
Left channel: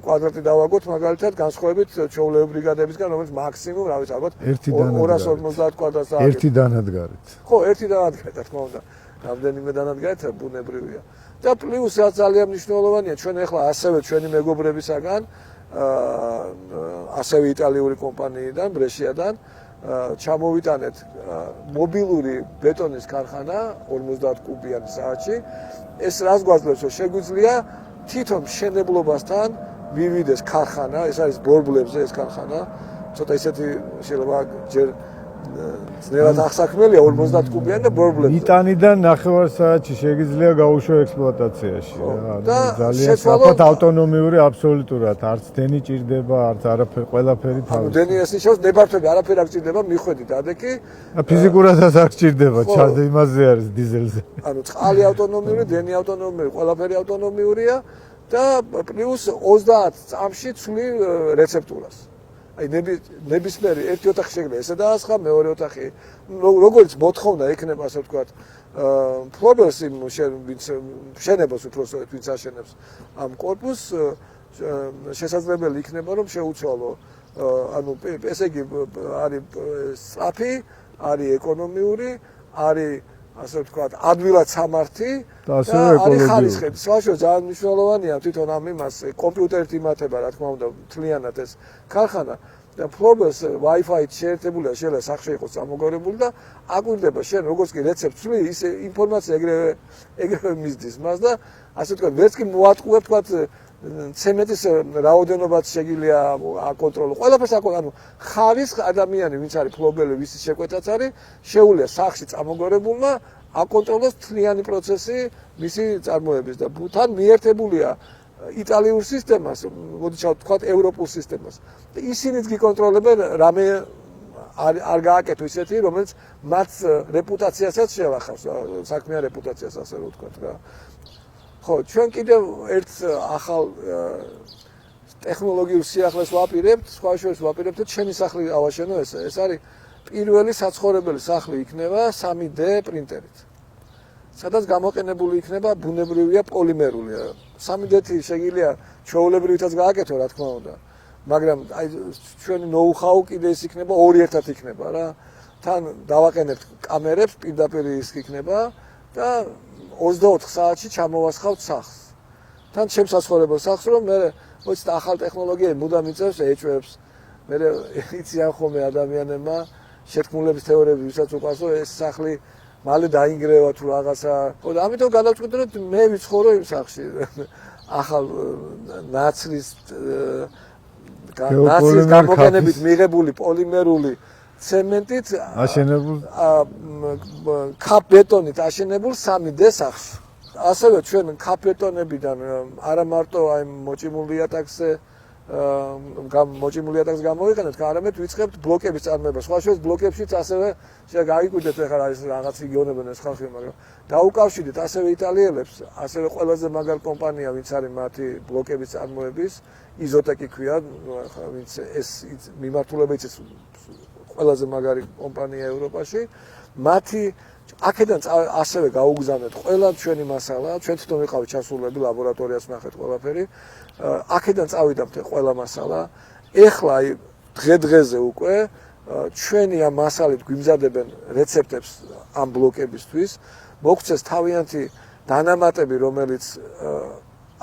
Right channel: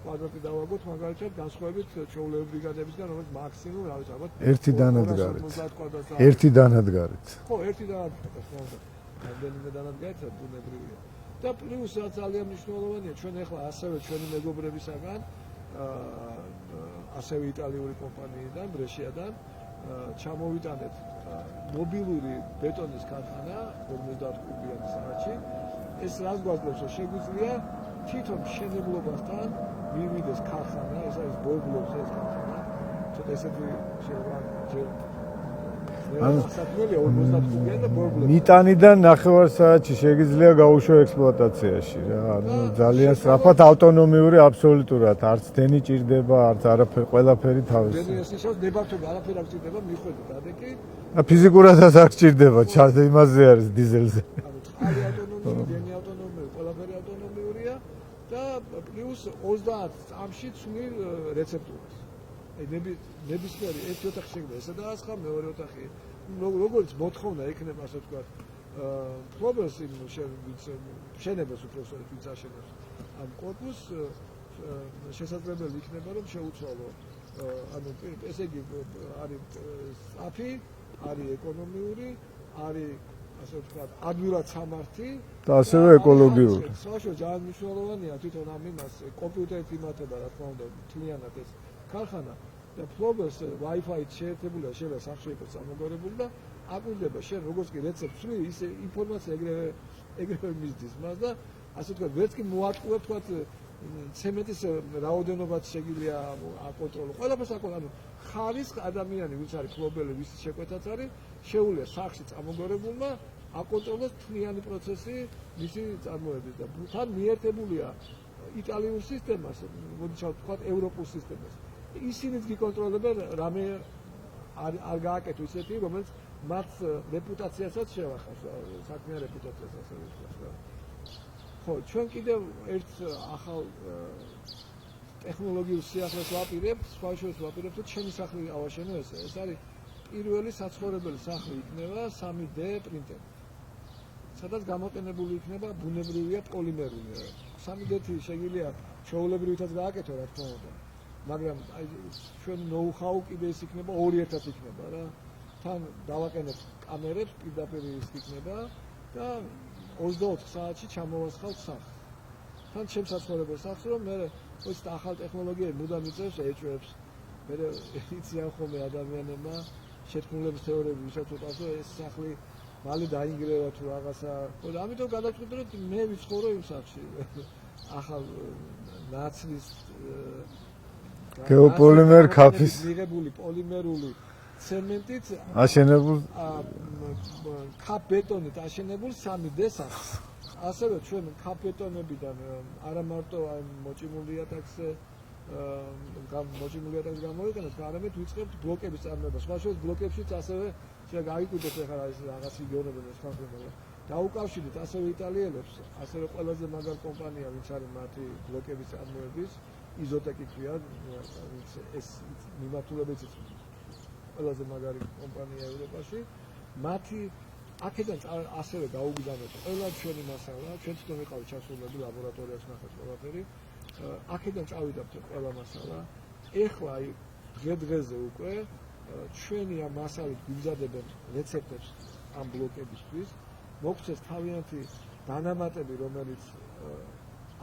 კვადრატი დავაგოთ მაგალითად განსხვავებით ჩვეულებრივი ბრიგადებისგან რომელიც მაქსიმუმ რა ვიცი ალბათ 250 კვადრატს ერთი დანადგარით ხო ერთი დანადგარით რა თქმა უნდა რამდენიმე დანადგარით ბუნებრივია და პლუს რაც ძალიან მნიშვნელოვანია ჩვენ ახლა ასევე ჩვენი მეგობრებისაგან ასევე იტალიური კომპანიიდან, ბრეშიადან ჩამოვიტანეთ მობილური ბეტონის ქარხანა 50 კუბიანი საათში. ეს რას გვაძლევს, რომ შეგვიძლია თვითონ მშენებლობასთან მივიდეს ქარხანა, ეს არის ბორბლებზე ეს ქარხანა. ცოტა ისეთი შეიძლება ჯერ ძნელად აღსაქმელია 50 კუბიანი და ბორბლებზე. მიტანიდან 9 საათში შეგიძლია გაუშვა ექსპლუატაციაში რა. ძალიან სწრაფად ავტონომიური აბსოლუტურად, არც დენი ჭირდება, არც არაფერი, ყველაფერი თავის. დენი ეს ნიშნავს ნებართვები არაფერი არ ჭირდება, მიხვედით ადეკი. ფიზიკურადაც არ ჭირდება, იმაზე არის დიზელზე. ანუ წყალი ავტონომიური, დენი ავტონომიური, ყველაფერი ავტონომიურია და პლუს 30 წამში ცვლი რეცეპტურას. აი ნებისმიერი ერთი ოთახი შეიძლება ესე დაასხა, მეორე ოთახი როგორც მოთხოვნა ექნება, ასე ვთქვათ, ფლობელს იმ შენებას უпроსტოდ ვინც აშენებს ამ კორპუსს შესაძლებელი იქნება რომ შეუცვალო ანუ ესე იგი არის სწრაფი, არის ეკონომიური, არის ასე ვთქვათ, ადვილად სამართი და ასევე ეკოლოგიური. საშუალო ძალიან მნიშვნელოვანია თვითონ ამ იმას კომპიუტერით იმართება, რა თქმა უნდა, მთლიანად ეს ქარხანა და ფლობელს Wi-Fi შეერთებულია, შეიძლება სახში იყოს ამოგორებული და აკვირდება შენ როგორც კი რეცეპტს ვი, ის ინფორმაცია ეგრევე მისდის მას და ასე ვთქვათ, ვერც კი მოატყუებ ვთქვათ ცემენტის რაოდენობაც შეგიძლია აკონტროლო. ყველაფერს ანუ ხარის ადამიანი, ვინც არის ფლობელი, ვის შეკვეთაც არის, შეუძლია სახში წამოგორებულმა აკონტროლოს მთლიანი პროცესი მისი წარმოების და თან მიერთებულია იტალიურ სისტემას, მოდიშავთ თქვათ ევროპულ სისტემას. ისინიც გიკონტროლებენ რამე არ გააკეთო ისეთი, რომელიც მათ რეპუტაციასაც შევახავს, საქმიან რეპუტაციას ასე ვთქვათ რა. ხო, ჩვენ კიდევ ერთ ახალ ტექნოლოგიურ სიახლეს ვაპირებთ, სხვა შორის ვაპირებთ და ჩვენი სახლი ავაშენო ეს. ეს არის პირველი საცხოვრებელი სახლი იქნება 3D პრინტერით. სადაც გამოყენებული იქნება ბუნებრივია პოლიმერული. 3D-ი შეგიძლია ჩვეულებრივითაც გააკეთო, რა თქმა უნდა. მაგრამ აი ჩვენი ნოუ-ჰაუ კიდე ის იქნება ორი ერთად იქნება რა. თან დავაყენებთ კამერებს, პირდაპირ ის იქნება და 24 საათში ჩამოვასხავთ სახლს. თან შემსაცხოვრებელ სახლს რომ მე მოიცდა ახალ ტექნოლოგიები მუდამ იწევს ეჭვებს. მე იციან ხოლმე ადამიანებმა შეთქმულების თეორიები ვისაც უყვარს რომ ეს სახლი მალე დაინგრევა თუ რაღაცა. და ამიტომ გადავწყვიტე რომ მე ვიცხოვრო იმ სახლში. ახალ ნაცრის გეოპოლიმერ ქაფის მიღებული პოლიმერული ცემენტით აშენებულ ქაფ-ბეტონით აშენებულ 3D სახლს. ასევე ჩვენ ქაფ-ბეტონებიდან არა მარტო აი მოჭიმული იატაკზე გამოვიყენებთ, არამედ ვიწყებთ ბლოკების წარმოება. სხვა შორის ბლოკებშიც ასევე გაიგույდეთ ახლა ეს რაღაც იგონებენ ეს ხალხი, მაგრამ დაუკავშირდით ასევე იტალიელებს, ასევე ყველაზე მაგარ კომპანია, ვინც არის მათი ბლოკების წარმოების, იზოტეკი ქვია, ვინც ეს მიმართულებით ის ყველაზე მაგარი კომპანია ევროპაში. მათი აქედან ასევე გაუგზავნეთ ყველა ჩვენი მასალა, ჩვენ თვითონ ვიყავით ჩასულები, ლაბორატორიას ნახეთ ყველაფერი. აქედან წავიდა ყველა მასალა. ეხლა დღე-დღეზე უკვე ჩვენი ამ მასალით გვიმზადებენ რეცეპტებს ამ ბლოკებისთვის. მოგცეს თავიანთი დანამატები, რომელიც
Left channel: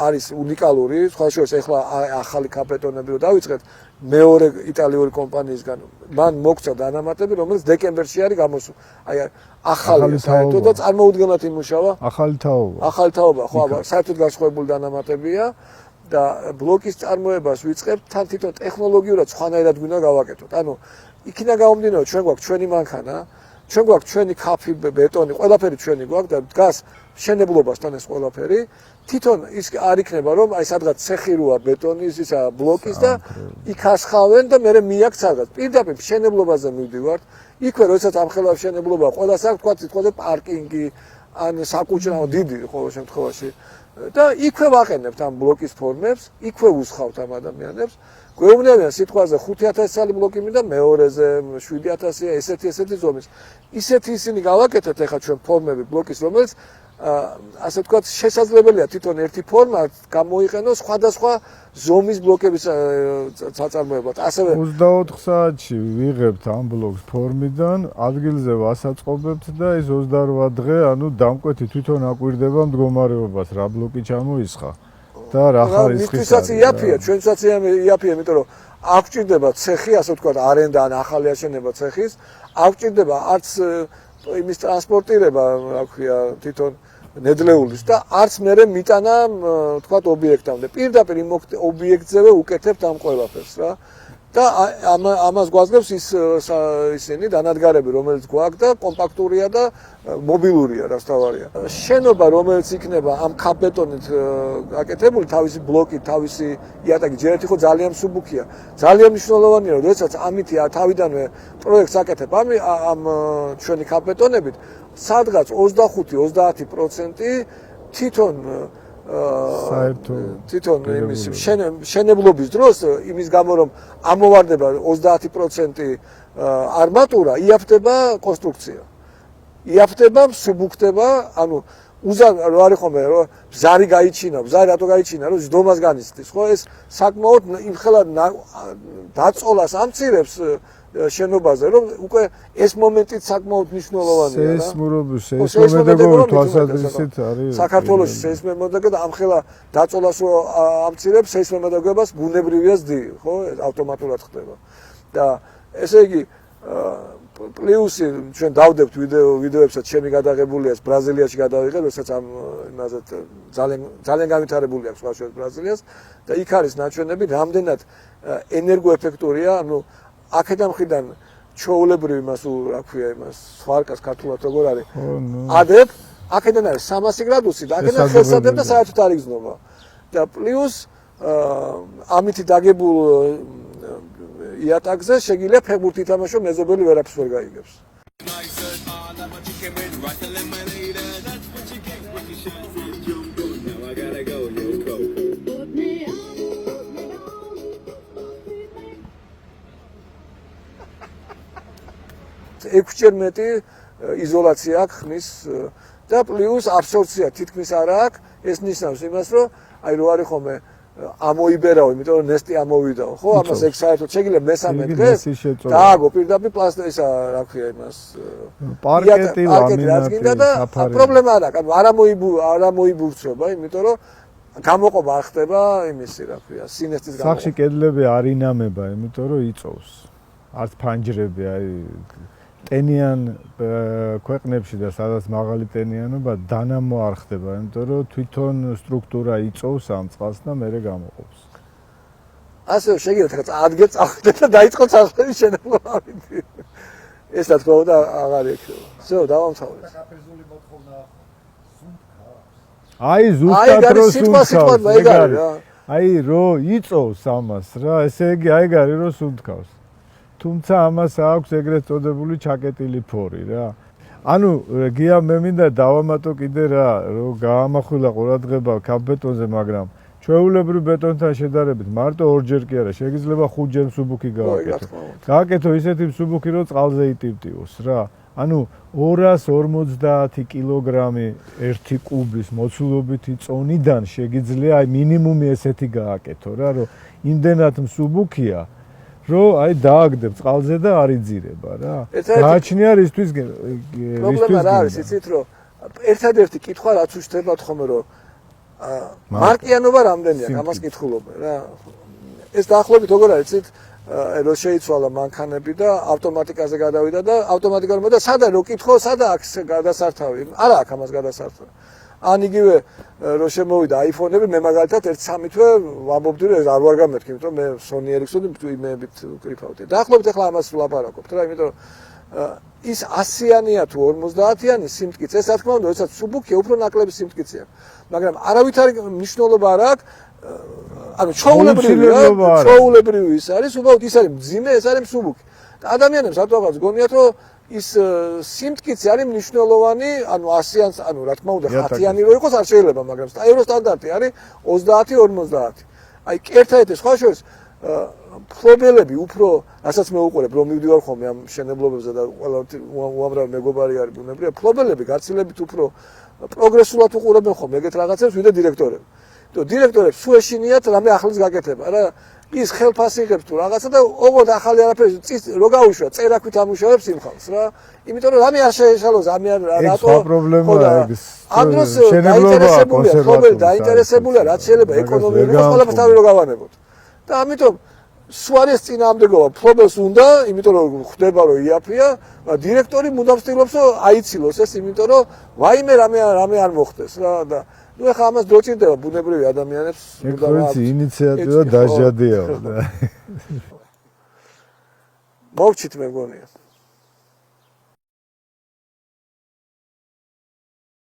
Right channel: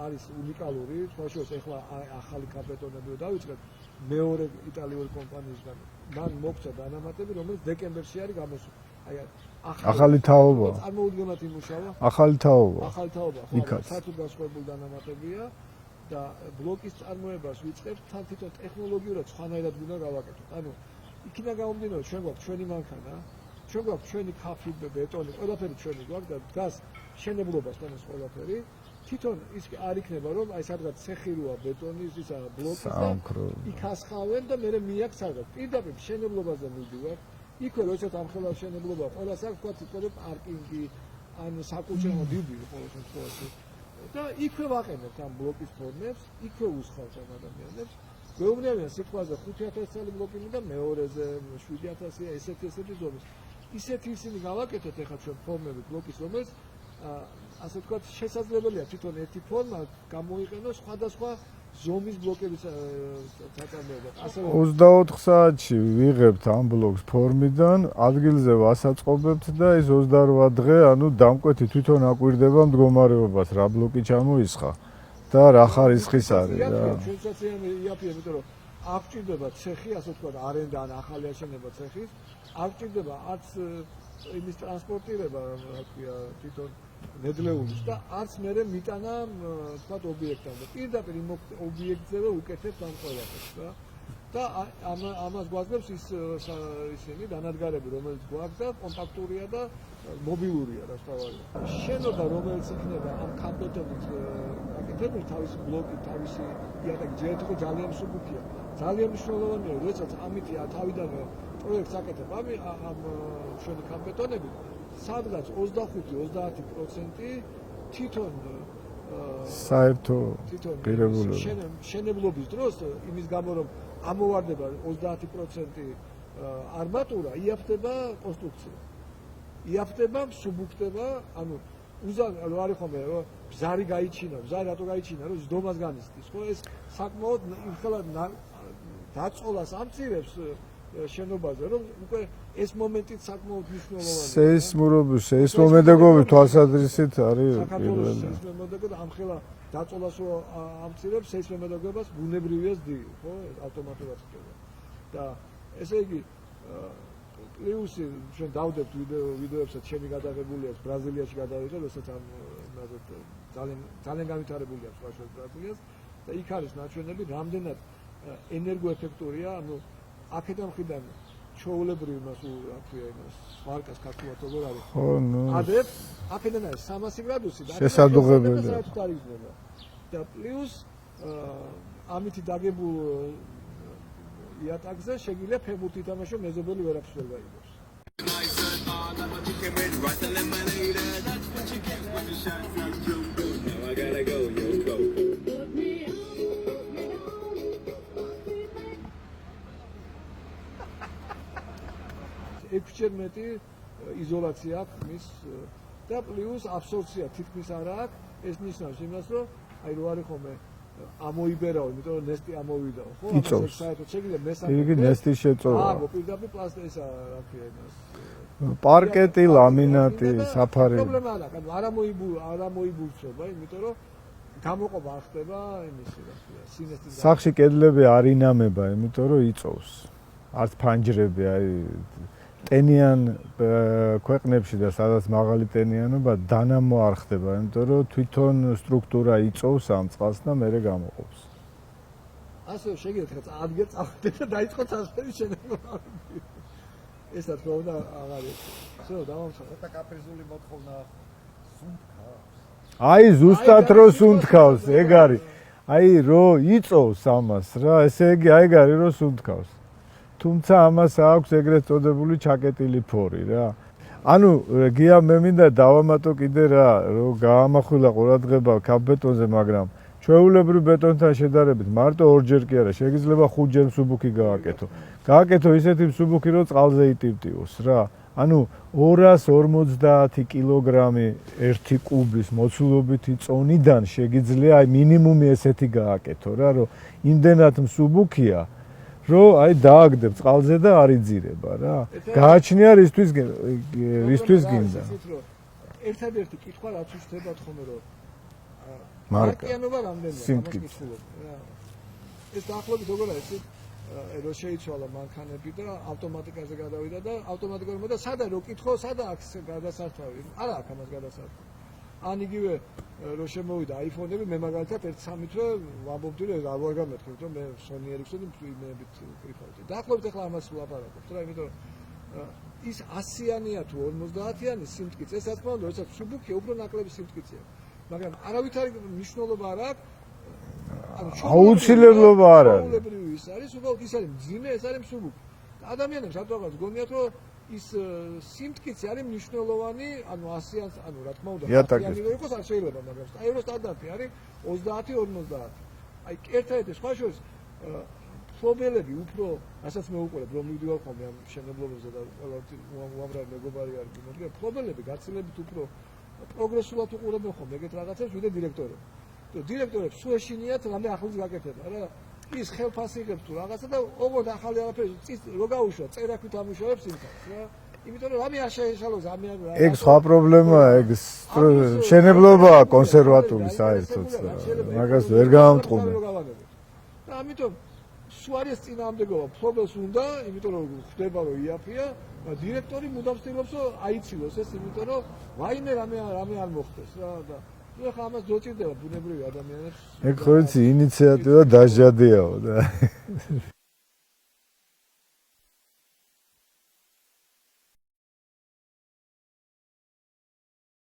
არის უნიკალური, სხვა შორის ეხლა ახალი ქაფ-ბეტონები დავიწყეთ მეორე იტალიური კომპანიისგან. მან მოგცა დანამატები, რომელიც დეკემბერში არის გამოსული. აი ახალი თაობა და წარმოუდგენლად იმუშავა. ახალი თაობა. ახალი თაობა, ხო, საერთოდ განსხვავებული დანამატებია და ბლოკის წარმოებას ვიწყებთ, თან თვითონ ტექნოლოგიურად სხვანაირად გვინდა გავაკეთოთ. ანუ იქიდან გამომდინარე, ჩვენ გვაქვს ჩვენი მანქანა, ჩვენ გვაქვს ჩვენი ქაფი, ბეტონი, ყველაფერი ჩვენი გვაქვს და დგას მშენებლობასთან ეს ყველაფერი. თვითონ ის არ იქნება რომ აი სადღაც ცეხი როა ბეტონის ისა ბლოკის და იქ ასხავენ და მე მიაქ სადღაც. პირდაპირ მშენებლობაზე მივდივართ. იქვე როდესაც ამხელა მშენებლობა ყველას აქვს, თქვა თვითონ პარკინგი, ან საკუჭრაო დიდი ყოველ შემთხვევაში. და იქვე ვაყენებთ ამ ბლოკის ფორმებს, იქვე უსხავთ ამ ადამიანებს. გვეუბნებიან სიტყვაზე 5000 წელი ბლოკი მინდა მეორეზე 7000-ია ესეთი ზომის. ისეთი ისინი გავაკეთეთ ახლა ჩვენ ფორმები ბლოკის, რომელიც ასე ვთქვათ, შესაძლებელია თვითონ ერთი ფორმა გამოიყენოს სხვადასხვა ზომის ბლოკების საწარმოებლად. ასევე 24 საათში ვიღებთ ამ ბლოკს ფორმიდან, ადგილზე ვასაწყობებთ და ეს 28 დღე, ანუ დამკვეთი თვითონ აკვირდება მდგომარეობას, რა ბლოკი ჩამოისხა. და რა ხარისხის არის. იაფია, ჩვენსაც იაფია, იმიტომ რომ არ გვჭირდება ცეხი, ასე ვთქვათ, არენდა ან ახალი აშენება ცეხის, არ გვჭირდება არც იმის ტრანსპორტირება, რა ქვია, თვითონ ნედლეულის და არც მერე მიტანა, ვთქვათ, ობიექტამდე. პირდაპირ იმ ობიექტზევე უკეთებთ ამ ყველაფერს რა. და ამას გვაძლევს ისინი დანადგარები, რომელიც გვაქვს და კომპაქტურია და მობილურია, რაც თავარია. შენობა, რომელიც იქნება ამ ქაბეტონით გაკეთებული, თავისი ბლოკით, თავისი იატაკი, ჯერ ერთი ხო ძალიან მსუბუქია. ძალიან მნიშვნელოვანია, რომ როდესაც ამითი თავიდანვე პროექტს აკეთებ ამ ჩვენი ქაბეტონებით, სადღაც 25-30% თვითონ საერთო თვითონ შენებლობის დროს იმის გამო რომ ამოვარდება 30% არმატურა, იაფდება კონსტრუქცია. იაფდება, მსუბუქდება, ანუ უზარ რა არის ხომ რომ ზარი გაიჩინა, ზარი რატო გაიჩინა, რომ ზდომას განიცდის, ხო? ეს საკმაოდ იმხელა დაწოლას ამცირებს შენობაზე, რომ უკვე ეს მომენტიც საკმაოდ მნიშვნელოვანია. სეისმომედეგობის თვალსაზრისით არის საქართველოს სეისმომედეგობა ამხელა დაწოლას რო ამცირებს, სეისმომედეგობას ბუნებრივია ზრდი, ხო? ავტომატურად ხდება. და ესე იგი პლუსი ჩვენ დავდებთ ვიდეოებსაც ჩემი გადაღებულია ბრაზილიაში გადავიღე, როდესაც ამ იმაზე ძალიან განვითარებული აქვს ვაშუქ ბრაზილიას და იქ არის ნაჩვენები, რამდენად ენერგოეფექტურია, ანუ აქედან მხრიდან ჩაოლებრივი იმას რა ქვია იმას სვარკას ქართულად როგორ არის ადებ აქედან არის 300 გრადუსი და აქედან შესაძლებ და საერთოდ არ იგზნობა და პლუს ამითი დაგებულ იატაკზე შეგიძლია ფეხბურთი ითამაშო მეზობელი ვერაფერს ვერ გაიგებს ექვსჯერ მეტი იზოლაცია აქვს ხმის და პლუს აბსორბცია თითქმის არ აქვს. ეს ნიშნავს იმას, რომ აი რო არის ხომე ამოიბერაო, იმიტომ რომ ნესტი ამოვიდაო, ხო? ამას ეგ საერთოდ შეგიძლია მესამე დღეს დააგო პირდაპირ პლასტისა, რა ქვია იმას. პარკეტი, ლამინატი, საფარი. პრობლემა არ აქვს, არ ამოიბურცრობა, იმიტომ რომ გამოყოფა არ ხდება იმისი, რა ქვია, სინესტის გამოყოფა. სახში კედლები არ ინამება, იმიტომ რომ იწოვს. არც ფანჯრები, აი ტენიან ქვეყნებში და სადაც მაღალი ტენიანობა დანამო არ ხდება, იმიტომ რომ თვითონ სტრუქტურა იწოვს ამ წყალს და მერე გამოყოფს. ასე შეგიძლიათ ადგე წახვიდეთ და დაიწყოთ სახლის შენება. ეს რა თქმა უნდა აღარ ექნება. всё, დავამთავრე. და კაპრიზული მოთხოვნა სუნთქავს. აი ზუსტად რო სუნთქავს, ეგ არის. აი რო იწოვს ამას რა, ესე იგი ეგ არის რო სუნთქავს. თუმცა ამას აქვს ეგრეთ წოდებული ჩაკეტილი ფორი რა. ანუ გია მე მინდა დავამატო კიდე რა, რომ გაამახვილა ყურადღება ქაბეტონზე, მაგრამ ჩვეულებრივ ბეტონთან შედარებით მარტო ორჯერ კი არა, შეიძლება 5ჯერ მსუბუქი გააკეთო. გააკეთო ისეთი მსუბუქი, რომ წყალზე იტივტივოს რა. ანუ 250 კილოგრამი 1 კუბის მოცულობითი წონიდან შეგიძლია აი მინიმუმი ესეთი გააკეთო რა, რომ იმდენად მსუბუქია რომ აი დააგდებ წყალზე და არ იძირება რა. გააჩნია რისთვის გინდა. იცით რომ ერთადერთი კითხვა რაც უშდებათ ხომ რომ მარკიანობა რამდენია ამას კითხულობენ რა. ეს დაახლოებით როგორ არის იცით რომ შეიცვალა მანქანები და ავტომატიკაზე გადავიდა და ავტომატიკურად და სადა რო კითხო სადა აქვს გადასართავი. არა აქვს ამას გადასართავი. ან იგივე რო შემოვიდა iPhone-ები, მე მაგალითად 1-3 თვე ვამბობდი რომ არ ვარ გამეთქი, იმიტომ რომ მე Sony Ericsson-ი იმებით ვკრიფავდი. დაახლოებით ახლა ამას ვლაპარაკობთ რა, იმიტომ რომ ის 100-იანი თუ 50-იანი სიმტკიცე, ეს რა თქმა უნდა, როდესაც მსუბუქია, უფრო ნაკლები სიმტკიცეა. მაგრამ არავითარი მნიშვნელობა არ აქვს. ანუ ჩაულებრივი ის არის, უბრალოდ ის არის მძიმე, ეს არის მსუბუქი. და ადამიანებს რატოღაც გონიათ რომ ის სიმტკიცე არის მნიშვნელოვანი, ანუ 100-იან, ანუ რა თქმა უნდა 10-იანი რო იყოს არ შეიძლება, მაგრამ ევროსტანდარტი არის 30-50. აი ერთადერთი სხვა შორის პრობლემები უფრო, რასაც მე უყურებ, რომ მივდივარ ხოლმე ამ შენებლობებზე და ყველა უამრავი მეგობარი არის ბუნებრივია, პრობლემები გაცილებით უფრო პროგრესულად უყურებენ ხოლმე ეგეთ რაღაცებს, ვიდრე დირექტორები. და დირექტორებს სულ ეშინიათ რამე ახლის გაკეთება რა. ის ხელფასი იღებს თუ რაღაცა და ოღონდ ახალი არაფერი წის რო გაუშვა, წერაქვით ამუშავებს იმ ხალხს რა. იმიტომ რომ რამე არ შეეშალოს, ამი არ ეგ სხვა პრობლემაა, ეგ შენებლობაა კონსერვატორი. დაინტერესებულია, რაც შეიძლება ეკონომიკურად ყველაფერს თავი რო გავანებოთ. და ამიტომ სუარეს წინააღმდეგობა ფლობელს უნდა, იმიტომ რომ ხვდება რომ იაფია, დირექტორი მუდამ ცდილობს რომ აიცილოს ეს, იმიტომ რომ ვაიმე რამე არ მოხდეს რა და ნუ ახლა ამას დოჭირდება ბუნებრივი ადამიანებს. ეგ ხო იცი ინიციატივა დაჟადიაო და მოვჩით მე მგონია.